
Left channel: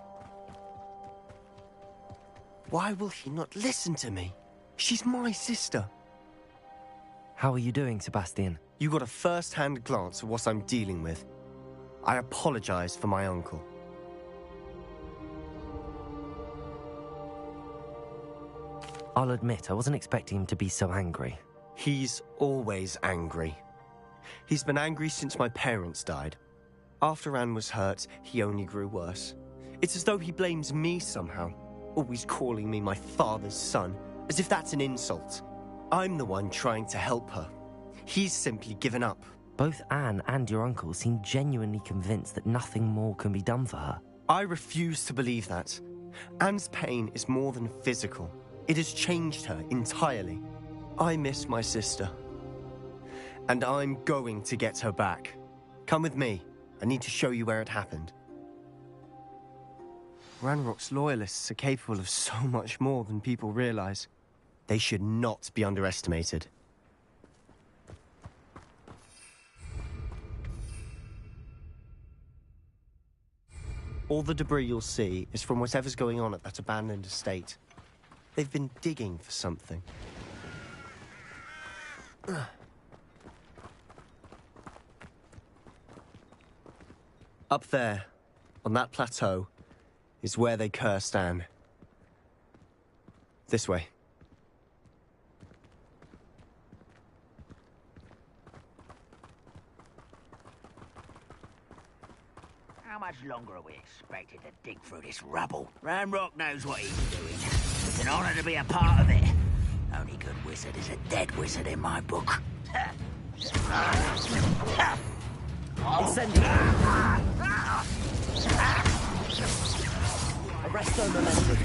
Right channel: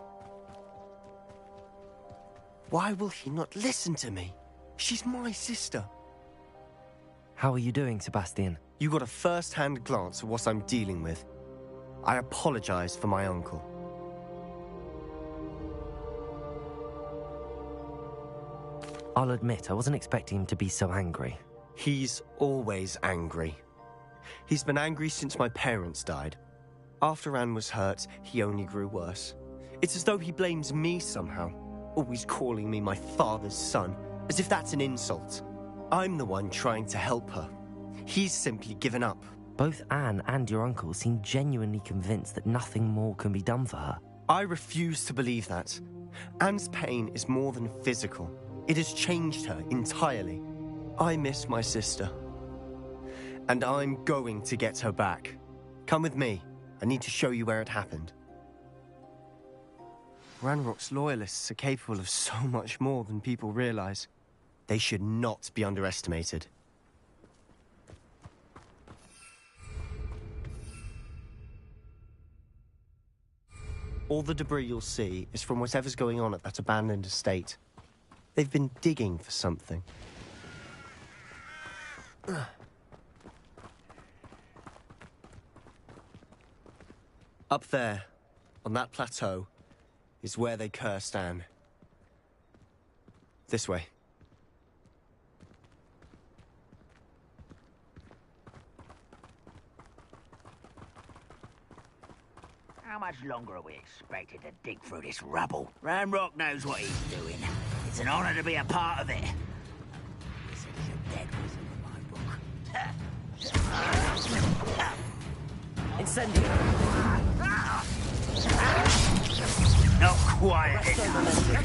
Why will he not listen to me? She's my sister. How are you doing, Sebastian? You got a first-hand glance at what I'm dealing with. I apologize for my uncle. I'll admit, I wasn't expecting him to be so angry. He's always angry. He's been angry since my parents died. After Anne was hurt, he only grew worse. It's as though he blames me somehow, always calling me my father's son, as if that's an insult. I'm the one trying to help her. He's simply given up. Both Anne and your uncle seem genuinely convinced that nothing more can be done for her. I refuse to believe that. Anne's pain is more than physical. It has changed her entirely. I miss my sister. And I'm going to get her back. Come with me. I need to show you where it happened. Ranrock's Loyalists are capable of so much more than people realize. They should not be underestimated. All the debris you'll see is from whatever's going on at that abandoned estate. They've been digging for something. Up there, on that plateau, is where they cursed Anne. This way. How much longer are we expected to dig through this rubble? Ranrock knows what he's doing. It's an honor to be a part of it. Only good wizard is a dead wizard in my book. Incendio! Not quite. Arresto momentum.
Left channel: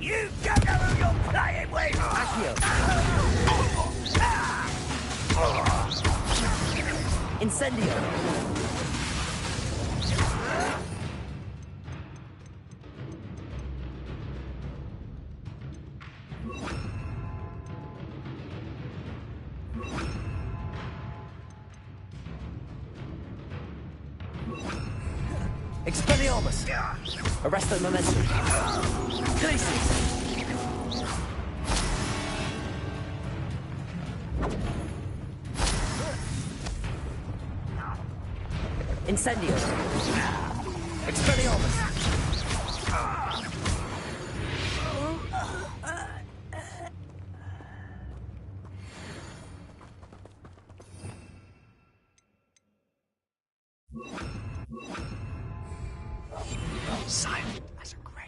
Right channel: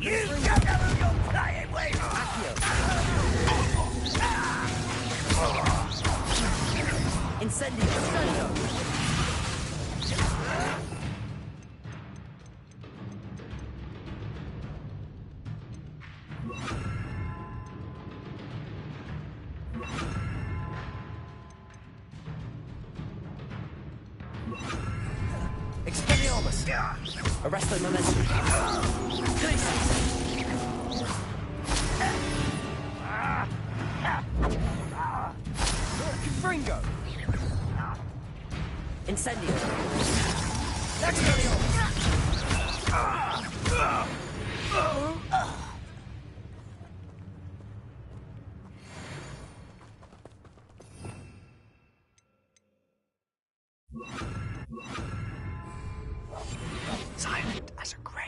You don't know who you're playing with! Accio! Incendio! Expelliarmus! Arresto momentum! Glacius! Incendio! Expelliarmus! Silent as a grave.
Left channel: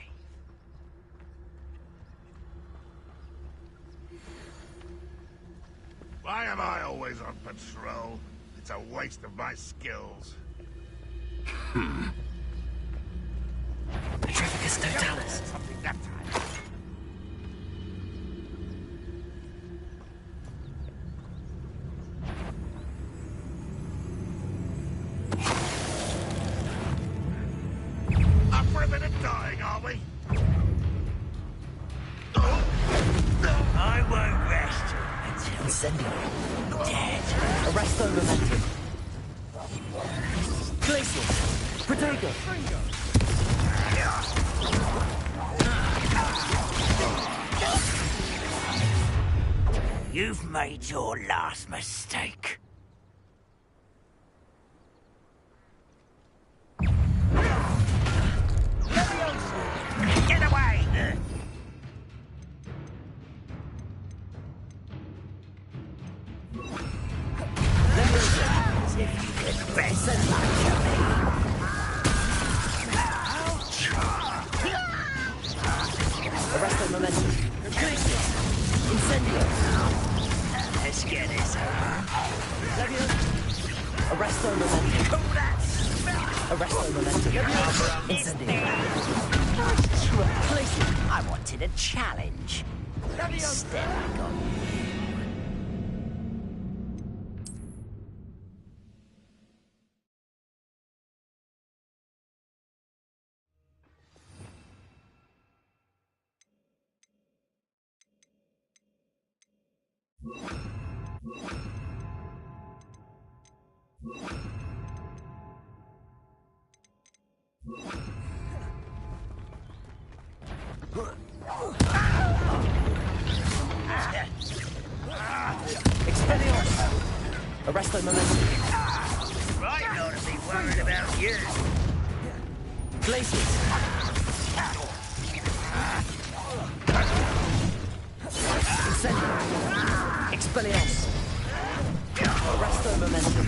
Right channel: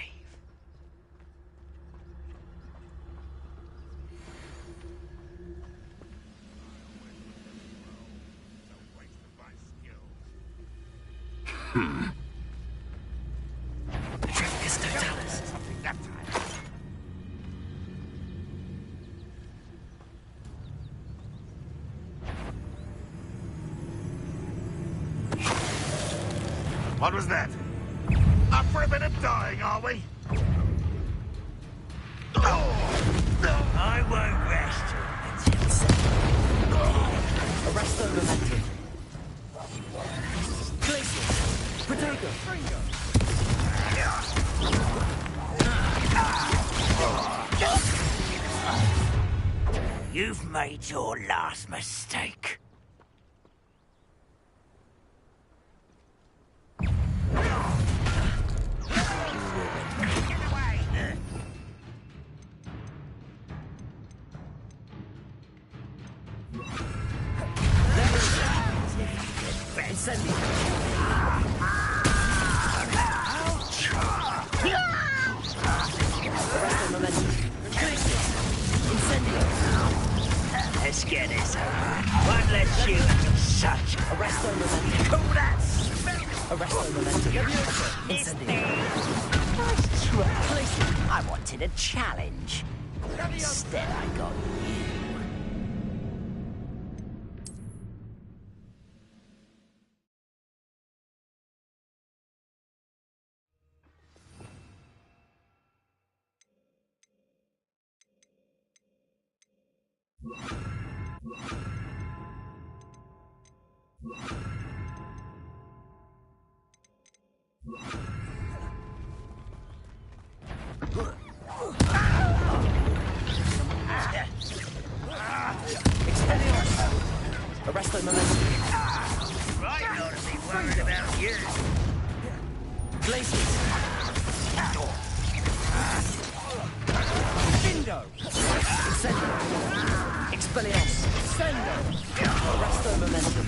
Why am I always on patrol? It's a waste of my skills. Petrificus totalis. Something that time. What was that? Up for a bit of dying, are we? I won't rest until dead. Arresto momentum. Glacius! Protego! You've made your last mistake. Get away! Arresto momentum. Incendio. Let's get this Arresto momentum. Arresto momentum. Incendio. Nice try. I wanted a challenge. Instead, I got you. Arresto momentum. Right, I ought to be worried about you. Glaciers. Incendio. Expelliarmus. Arresto momentum.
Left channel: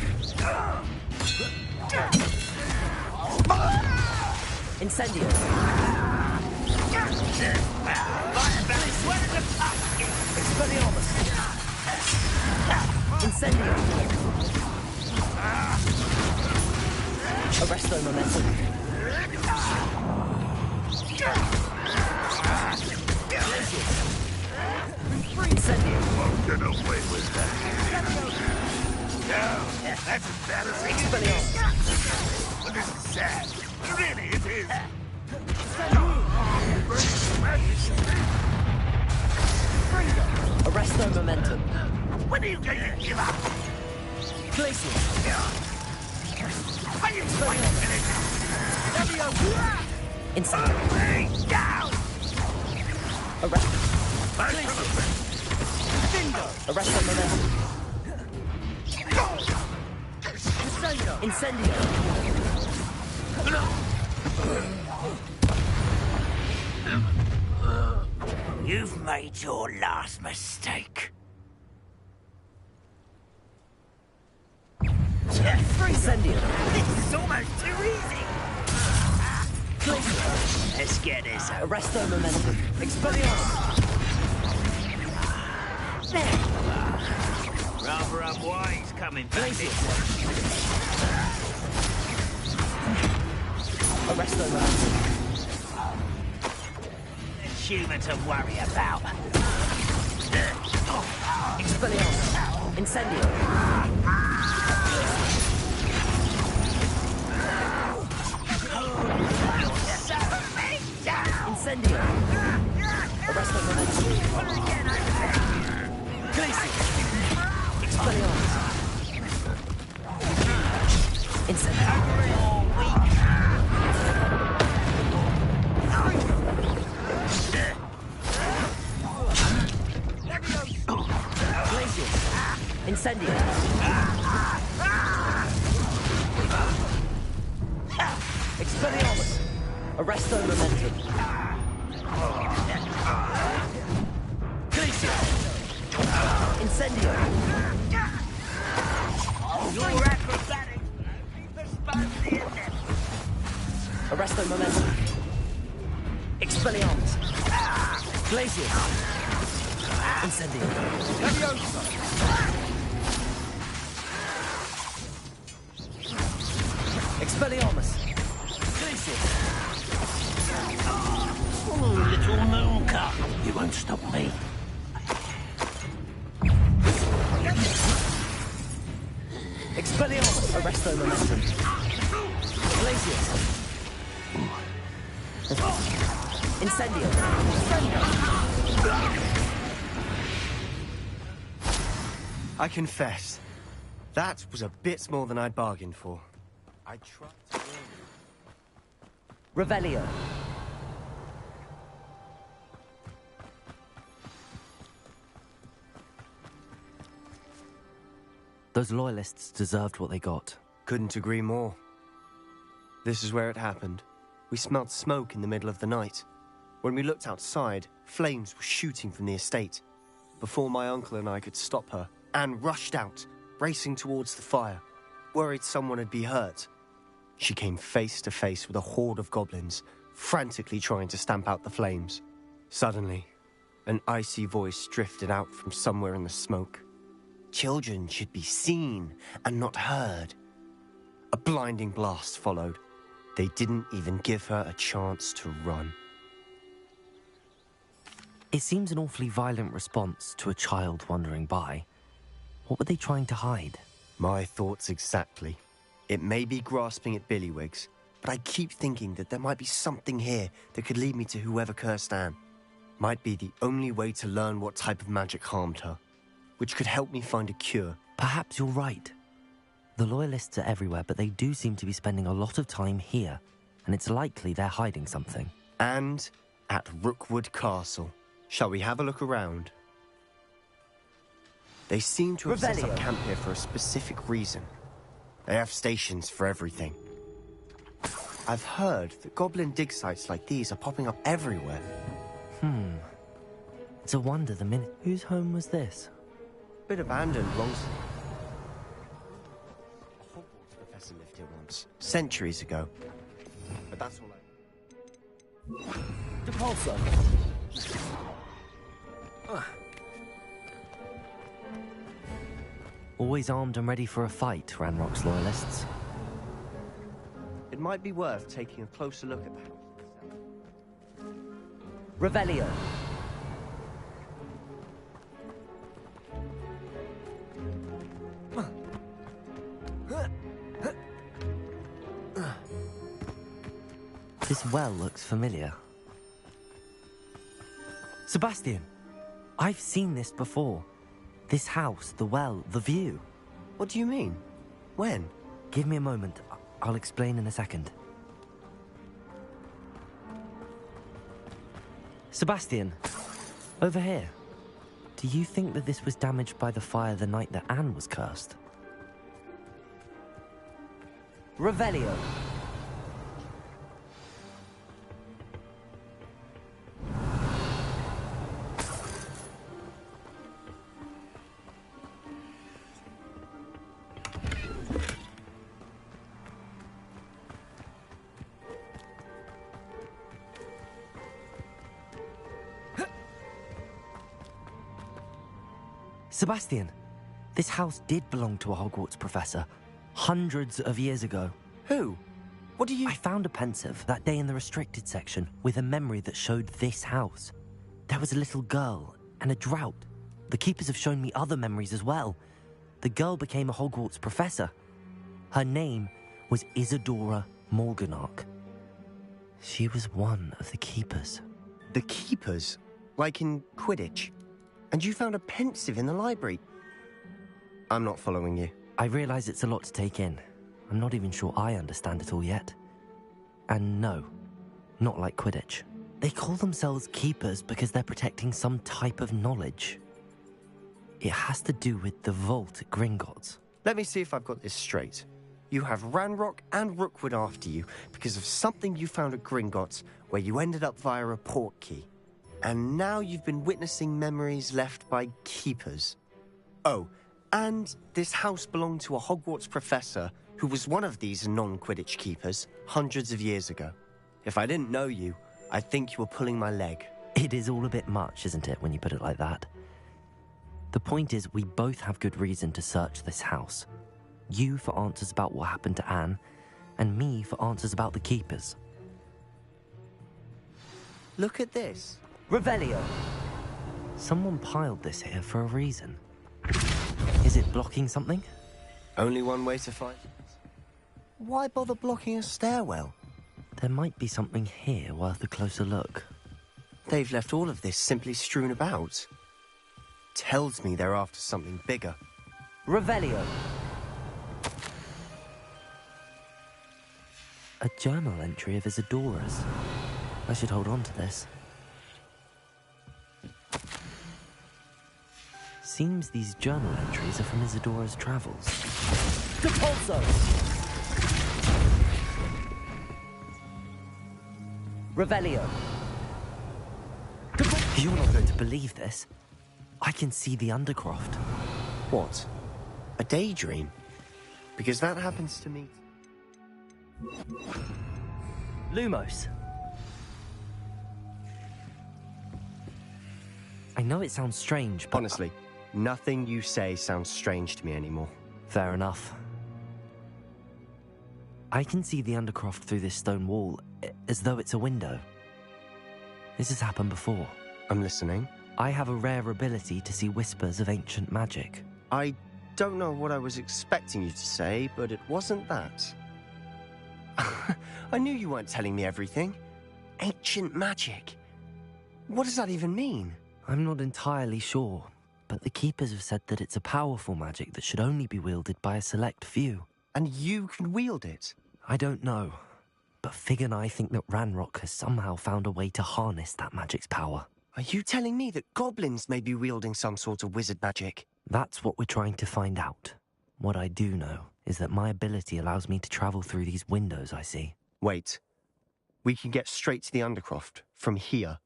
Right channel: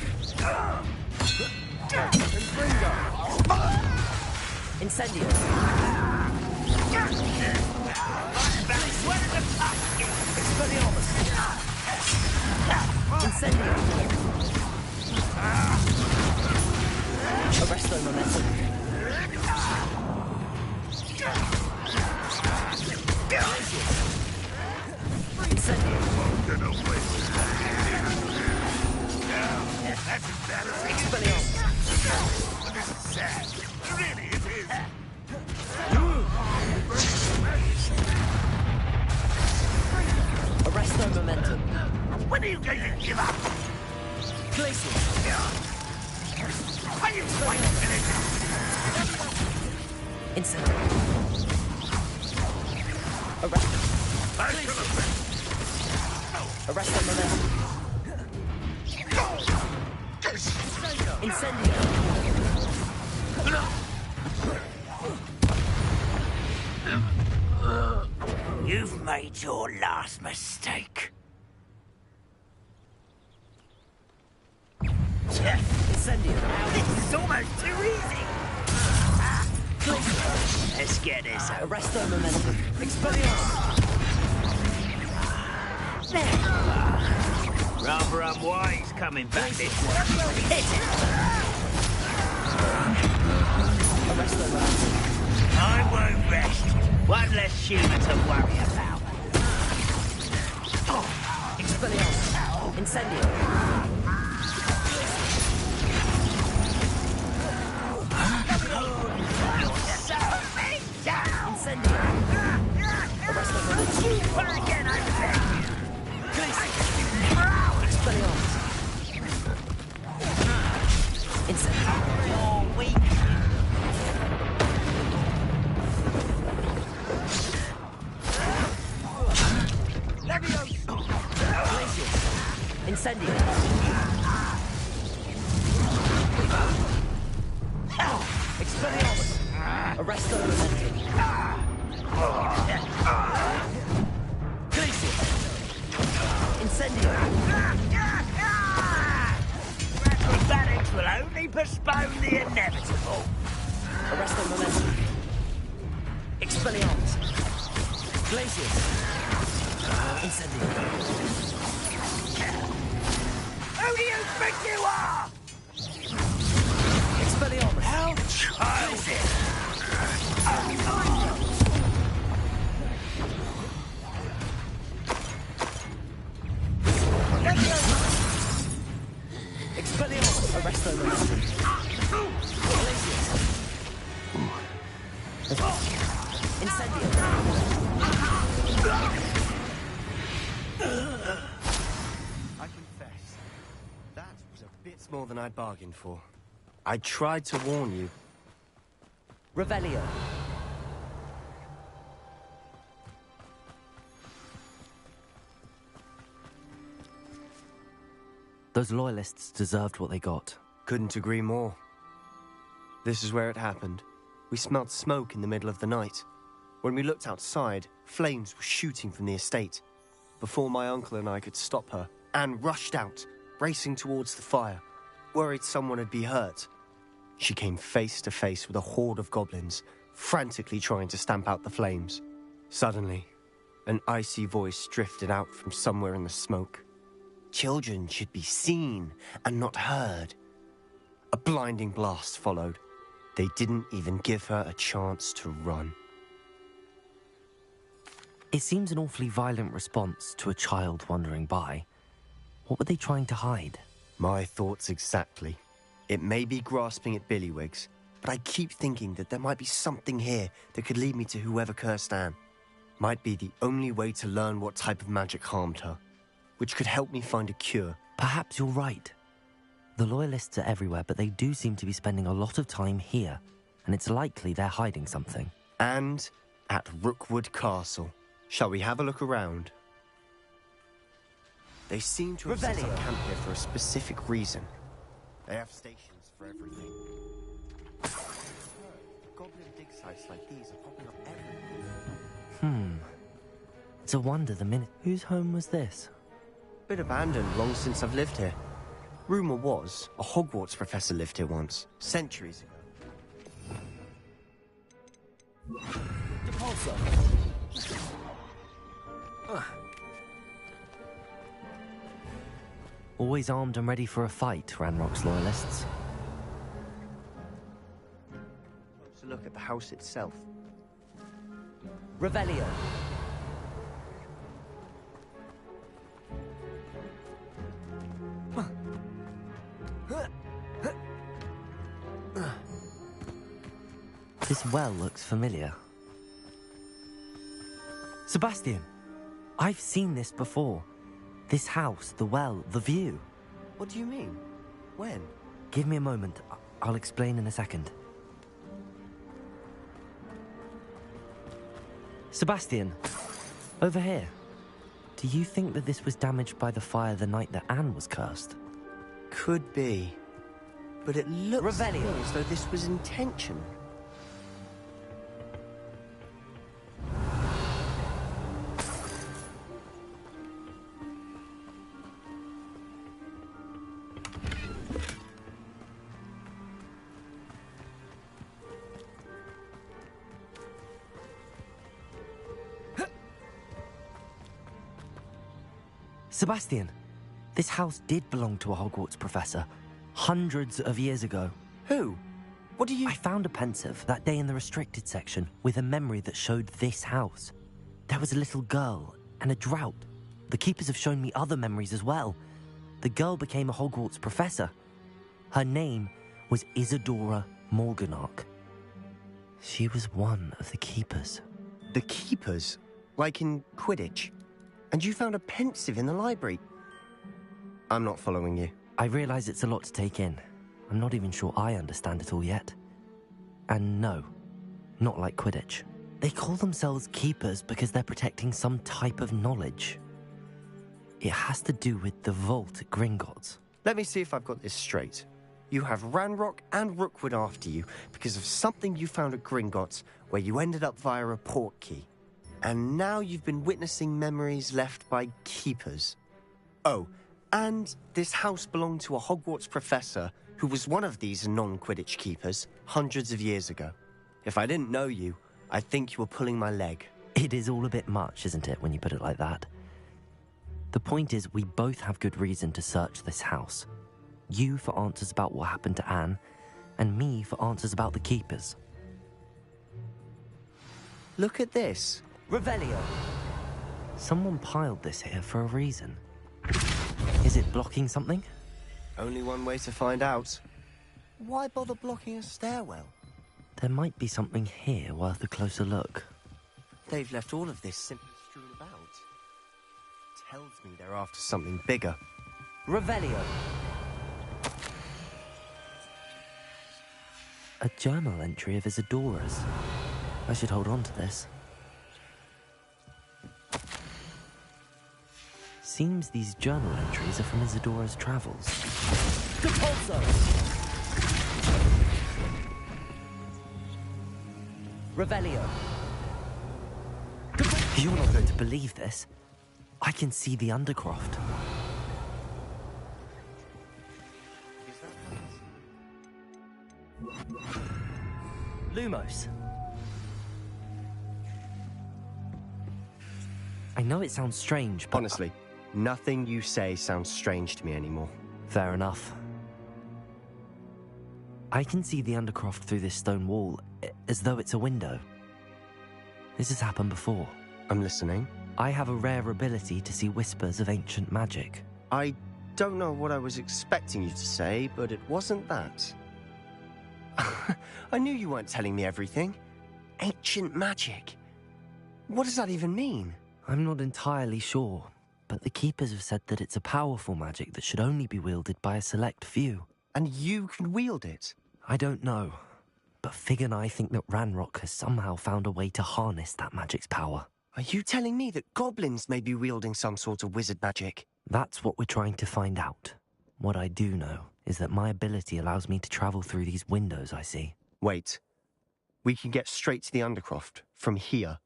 Incendio. Expelliarmus. Incendio. Arresto momentum. Incendio. Get away with that. No, that's embarrassing. Expelliarmus. But this is sad. Really, it is. Arresto momentum. When are you going to give up? Glaciers. Are you quite finished? Incendio. Arresto. Arresto momentum. Incendio. You've made your last mistake. Incendio. This is almost too easy. Let's get this over. Arresto momentum. Expelliarmus. Rather unwise coming back this way. Arresto momentum. I won't rest. One less humour to worry about. Expelliarmus. Incendio. Incendio. Arresto momentum. Glacier. Expelliarmus. Incendio. Glacier. Incendio. Expelliarmus. Arresto momentum. Glacier. Incendio. Your acrobatics will only postpone the inevitable. Arresto momentum. Expelliarmus. Glacier. Incendio. Who do you think you are? Expelliarmus. Glacier. Little Milka. You won't stop me. Expelliarmus. Arresto momentum. Glacier. Incendio. I confess, that was a bit more than I'd bargained for. I tried to warn you. Revelio. Those loyalists deserved what they got. Couldn't agree more. This is where it happened. We smelled smoke in the middle of the night. When we looked outside, flames were shooting from the estate. Before my uncle and I could stop her, Anne rushed out, racing towards the fire, worried someone would be hurt. She came face to face with a horde of goblins, frantically trying to stamp out the flames. Suddenly, an icy voice drifted out from somewhere in the smoke. Children should be seen and not heard. A blinding blast followed. They didn't even give her a chance to run. It seems an awfully violent response to a child wandering by. What were they trying to hide? My thoughts exactly. It may be grasping at Billywigs, but I keep thinking that there might be something here that could lead me to whoever cursed Anne. Might be the only way to learn what type of magic harmed her, which could help me find a cure. Perhaps you're right. The Loyalists are everywhere, but they do seem to be spending a lot of time here, and it's likely they're hiding something. And at Rookwood Castle. Shall we have a look around? They seem to have set up camp here for a specific reason. They have stations for everything. I've heard that goblin dig sites like these are popping up everywhere. It's a wonder the minute... Whose home was this? Bit abandoned long since I've lived here. Rumour was a Hogwarts professor lived here once, centuries ago. But that's all Depulso! Always armed and ready for a fight, Ranrock's Loyalists. It might be worth taking a closer look at the house itself. Revelio. This well looks familiar. Sebastian, I've seen this before. This house, the well, the view. What do you mean? When? Give me a moment. I'll explain in a second. Sebastian, over here. Do you think that this was damaged by the fire the night that Anne was cursed? Could be. But it looks Revelio. as though this was intentional. Sebastian, this house did belong to a Hogwarts professor, hundreds of years ago. Who? What do you... I found a pensive that day in the restricted section with a memory that showed this house. There was a little girl and a drought. The keepers have shown me other memories as well. The girl became a Hogwarts professor. Her name was Isadora Morganach. She was one of the keepers. The keepers? Like in Quidditch? And you found a pensive in the library? I'm not following you. I realize it's a lot to take in. I'm not even sure I understand it all yet. And no, not like Quidditch. They call themselves keepers because they're protecting some type of knowledge. It has to do with the vault at Gringotts. Let me see if I've got this straight. You have Ranrock and Rookwood after you because of something you found at Gringotts where you ended up via a port key. And now you've been witnessing memories left by keepers. Oh, and this house belonged to a Hogwarts professor who was one of these non-Quidditch keepers hundreds of years ago. If I didn't know you, I'd think you were pulling my leg. It is all a bit much, isn't it, when you put it like that? The point is, we both have good reason to search this house. You for answers about what happened to Anne, and me for answers about the keepers. Look at this. Revelio. Someone piled this here for a reason. Is it blocking something? Only one way to find out. Why bother blocking a stairwell? There might be something here worth a closer look. They've left all of this simply strewn about. Tells me they're after something bigger. Revelio. A journal entry of Isadora's. I should hold on to this. Seems these journal entries are from Isadora's travels. Depulso! Revelio. You're not going to believe this. I can see the Undercroft. What? A daydream? Because that happens to me. Lumos. I know it sounds strange, but... Honestly, nothing you say sounds strange to me anymore. Fair enough. I can see the Undercroft through this stone wall, as though it's a window. This has happened before. I'm listening. I have a rare ability to see whispers of ancient magic. I don't know what I was expecting you to say, but it wasn't that. I knew you weren't telling me everything. Ancient magic. What does that even mean? I'm not entirely sure, but the Keepers have said that it's a powerful magic that should only be wielded by a select few. And you can wield it? I don't know, but Fig and I think that Ranrock has somehow found a way to harness that magic's power. Are you telling me that goblins may be wielding some sort of wizard magic? That's what we're trying to find out. What I do know is that my ability allows me to travel through these windows I see. Wait. We can get straight to the Undercroft from here.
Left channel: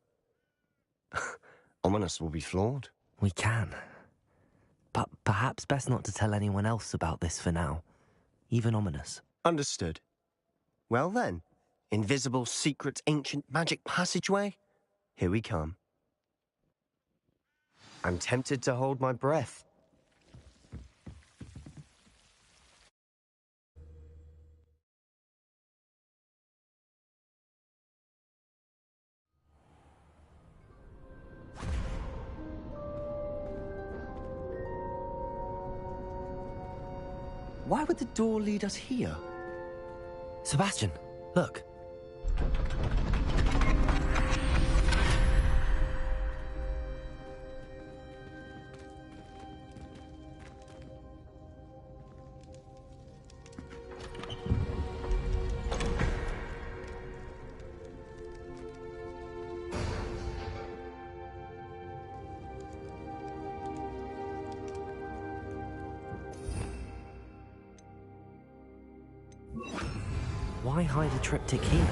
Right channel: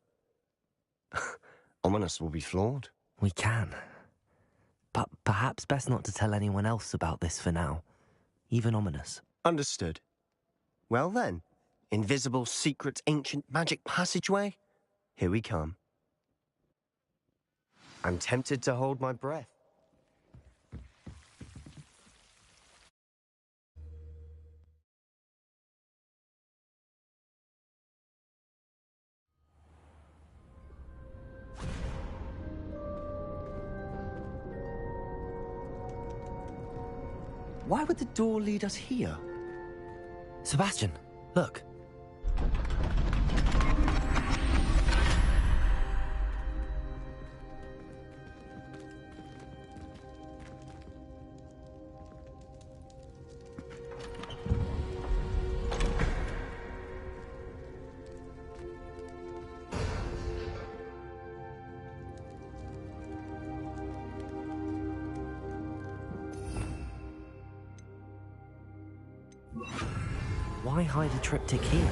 Ominous will be floored. We can. But perhaps best not to tell anyone else about this for now. Even Ominous. Understood. Well then, invisible, secret, ancient magic passageway? Here we come. I'm tempted to hold my breath. Why would the door lead us here? Sebastian, look. Why hide a triptych here?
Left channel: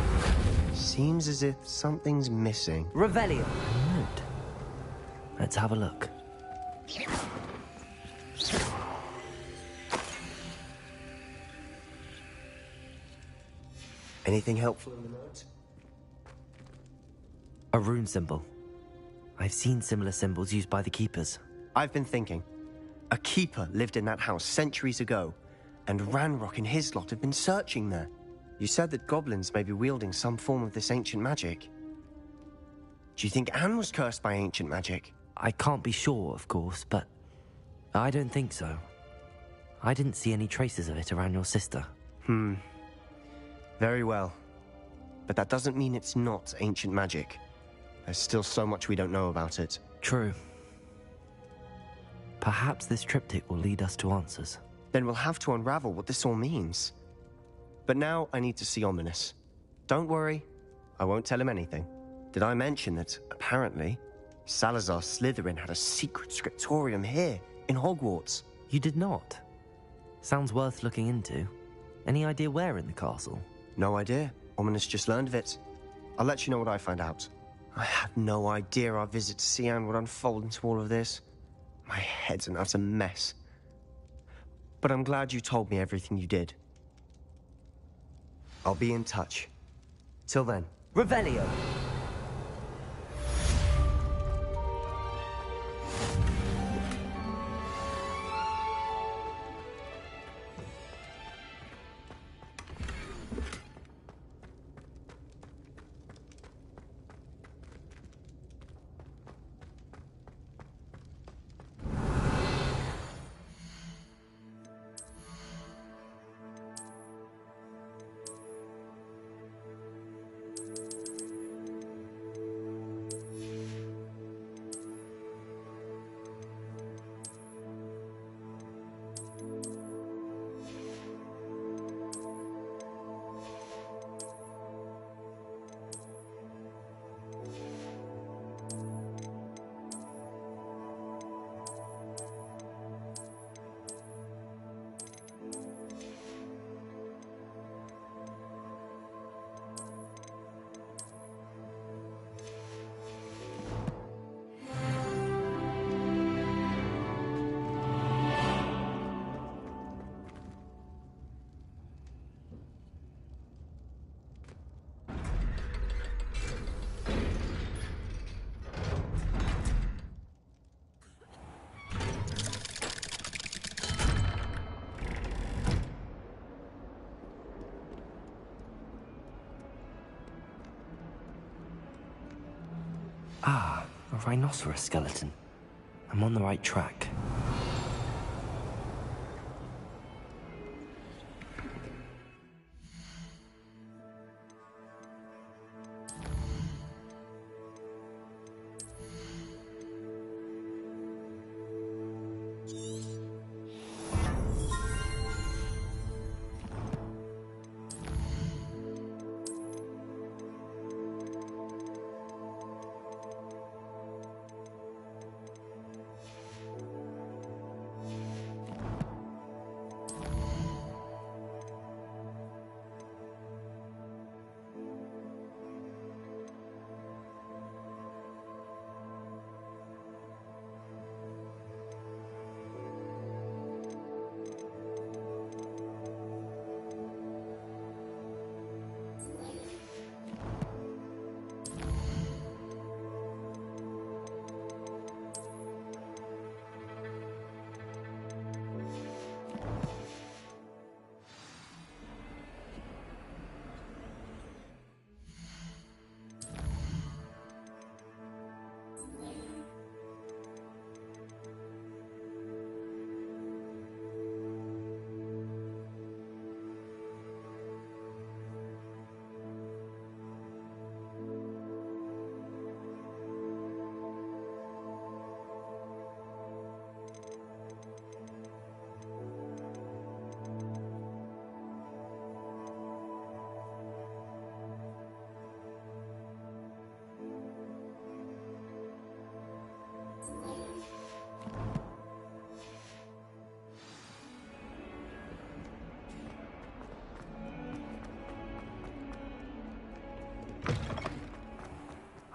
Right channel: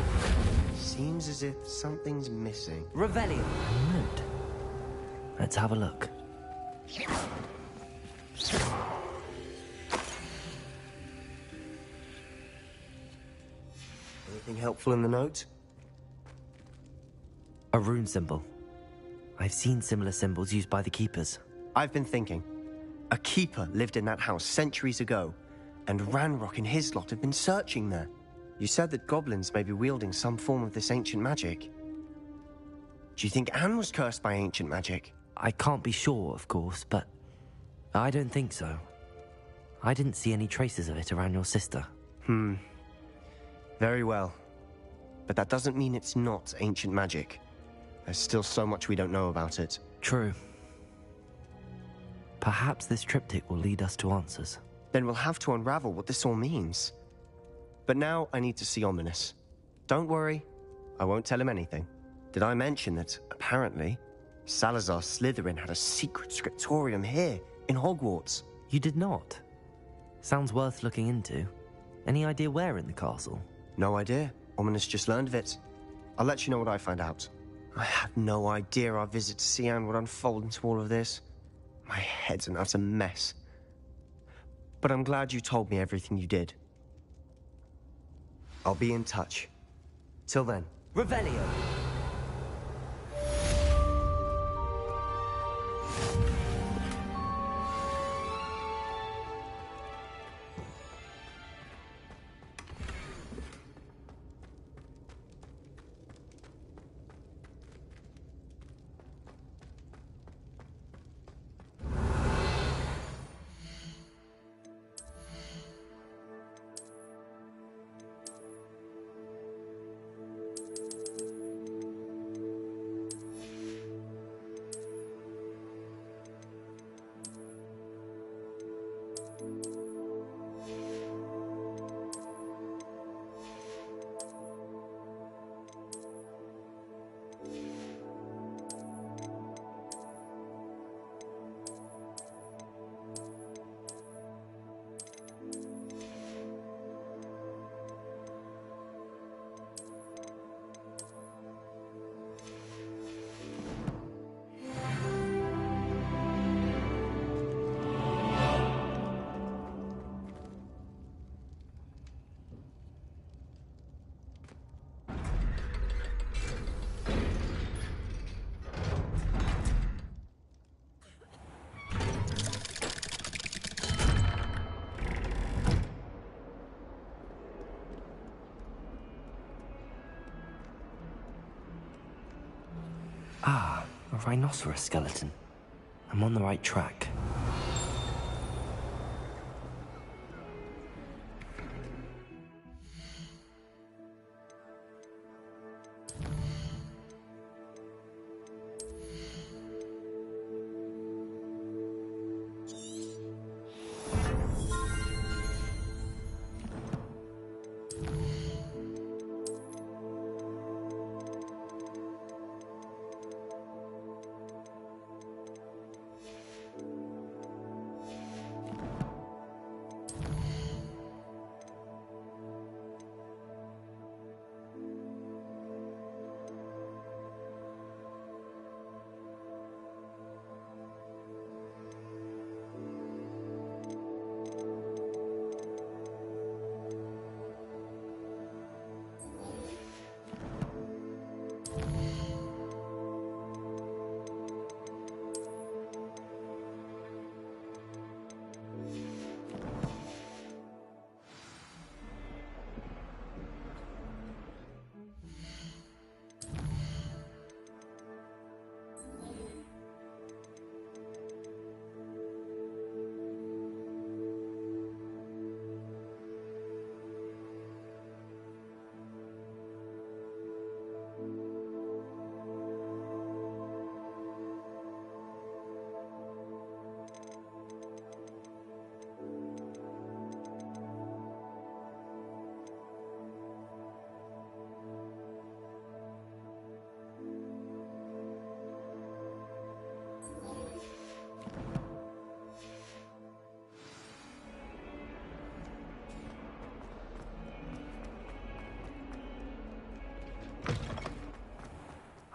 Seems as if something's missing. Revelio. Note. Let's have a look. Anything helpful in the note? A rune symbol. I've seen similar symbols used by the Keepers. I've been thinking. A keeper lived in that house centuries ago, and Ranrock and his lot have been searching there. You said that goblins may be wielding some form of this ancient magic. Do you think Anne was cursed by ancient magic? I can't be sure, of course, but I don't think so. I didn't see any traces of it around your sister. Very well. But that doesn't mean it's not ancient magic. There's still so much we don't know about it. True. Perhaps this triptych will lead us to answers. Then we'll have to unravel what this all means. But now I need to see Ominous. Don't worry, I won't tell him anything. Did I mention that, apparently, Salazar Slytherin had a secret scriptorium here, in Hogwarts? You did not? Sounds worth looking into. Any idea where in the castle? No idea. Ominous just learned of it. I'll let you know what I find out. I had no idea our visit to Cian would unfold into all of this. My head's an utter mess. But I'm glad you told me everything you did. I'll be in touch. Till then. Revelio. rhinoceros skeleton. I'm on the right track.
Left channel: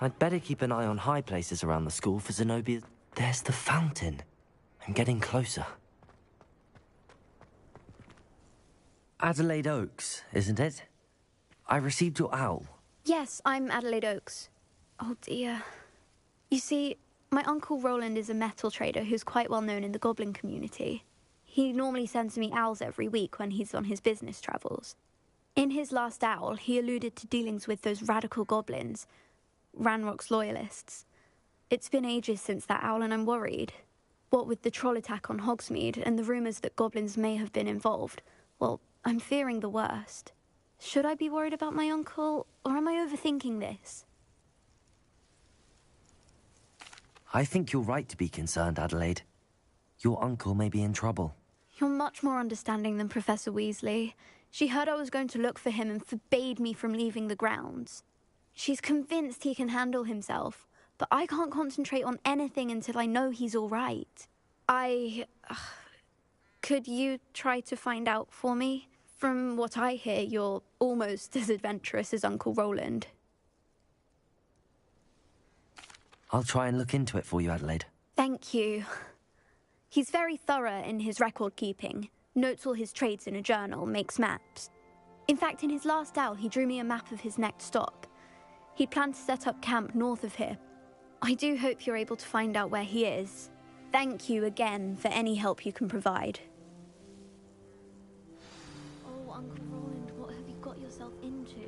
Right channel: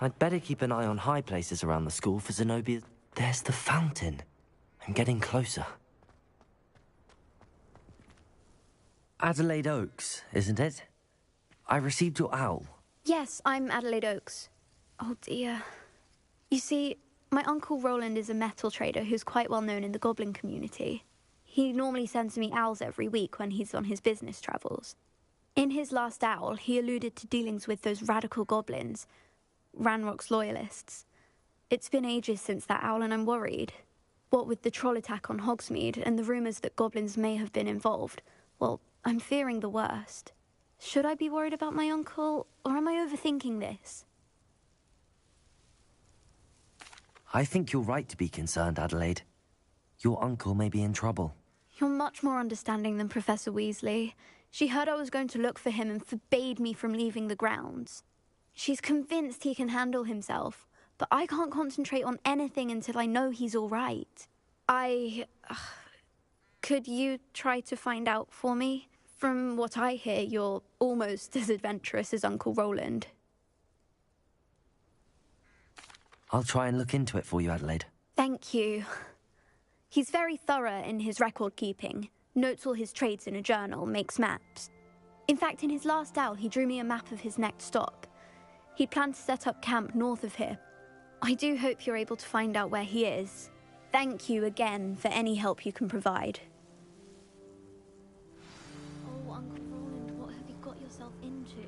I'd better keep an eye on high places around the school for Zenobia. There's the fountain. I'm getting closer. Adelaide Oaks, isn't it? I received your owl. Yes, I'm Adelaide Oaks. Oh dear. You see, my Uncle Roland is a metal trader who's quite well known in the goblin community. He normally sends me owls every week when he's on his business travels. In his last owl, he alluded to dealings with those radical goblins, Ranrock's loyalists. It's been ages since that owl and I'm worried. What with the troll attack on Hogsmeade and the rumours that goblins may have been involved, well, I'm fearing the worst. Should I be worried about my uncle, or am I overthinking this? I think you're right to be concerned, Adelaide. Your uncle may be in trouble. You're much more understanding than Professor Weasley. She heard I was going to look for him and forbade me from leaving the grounds. She's convinced he can handle himself, but I can't concentrate on anything until I know he's all right. Could you try to find out for me? From what I hear, you're almost as adventurous as Uncle Roland. I'll try and look into it for you, Adelaide. Thank you. He's very thorough in his record keeping, notes all his trades in a journal, makes maps. In fact, in his last owl, he drew me a map of his next stop. He planned to set up camp north of here. I do hope you're able to find out where he is. Thank you again for any help you can provide. Oh, Uncle Roland, what have you got yourself into?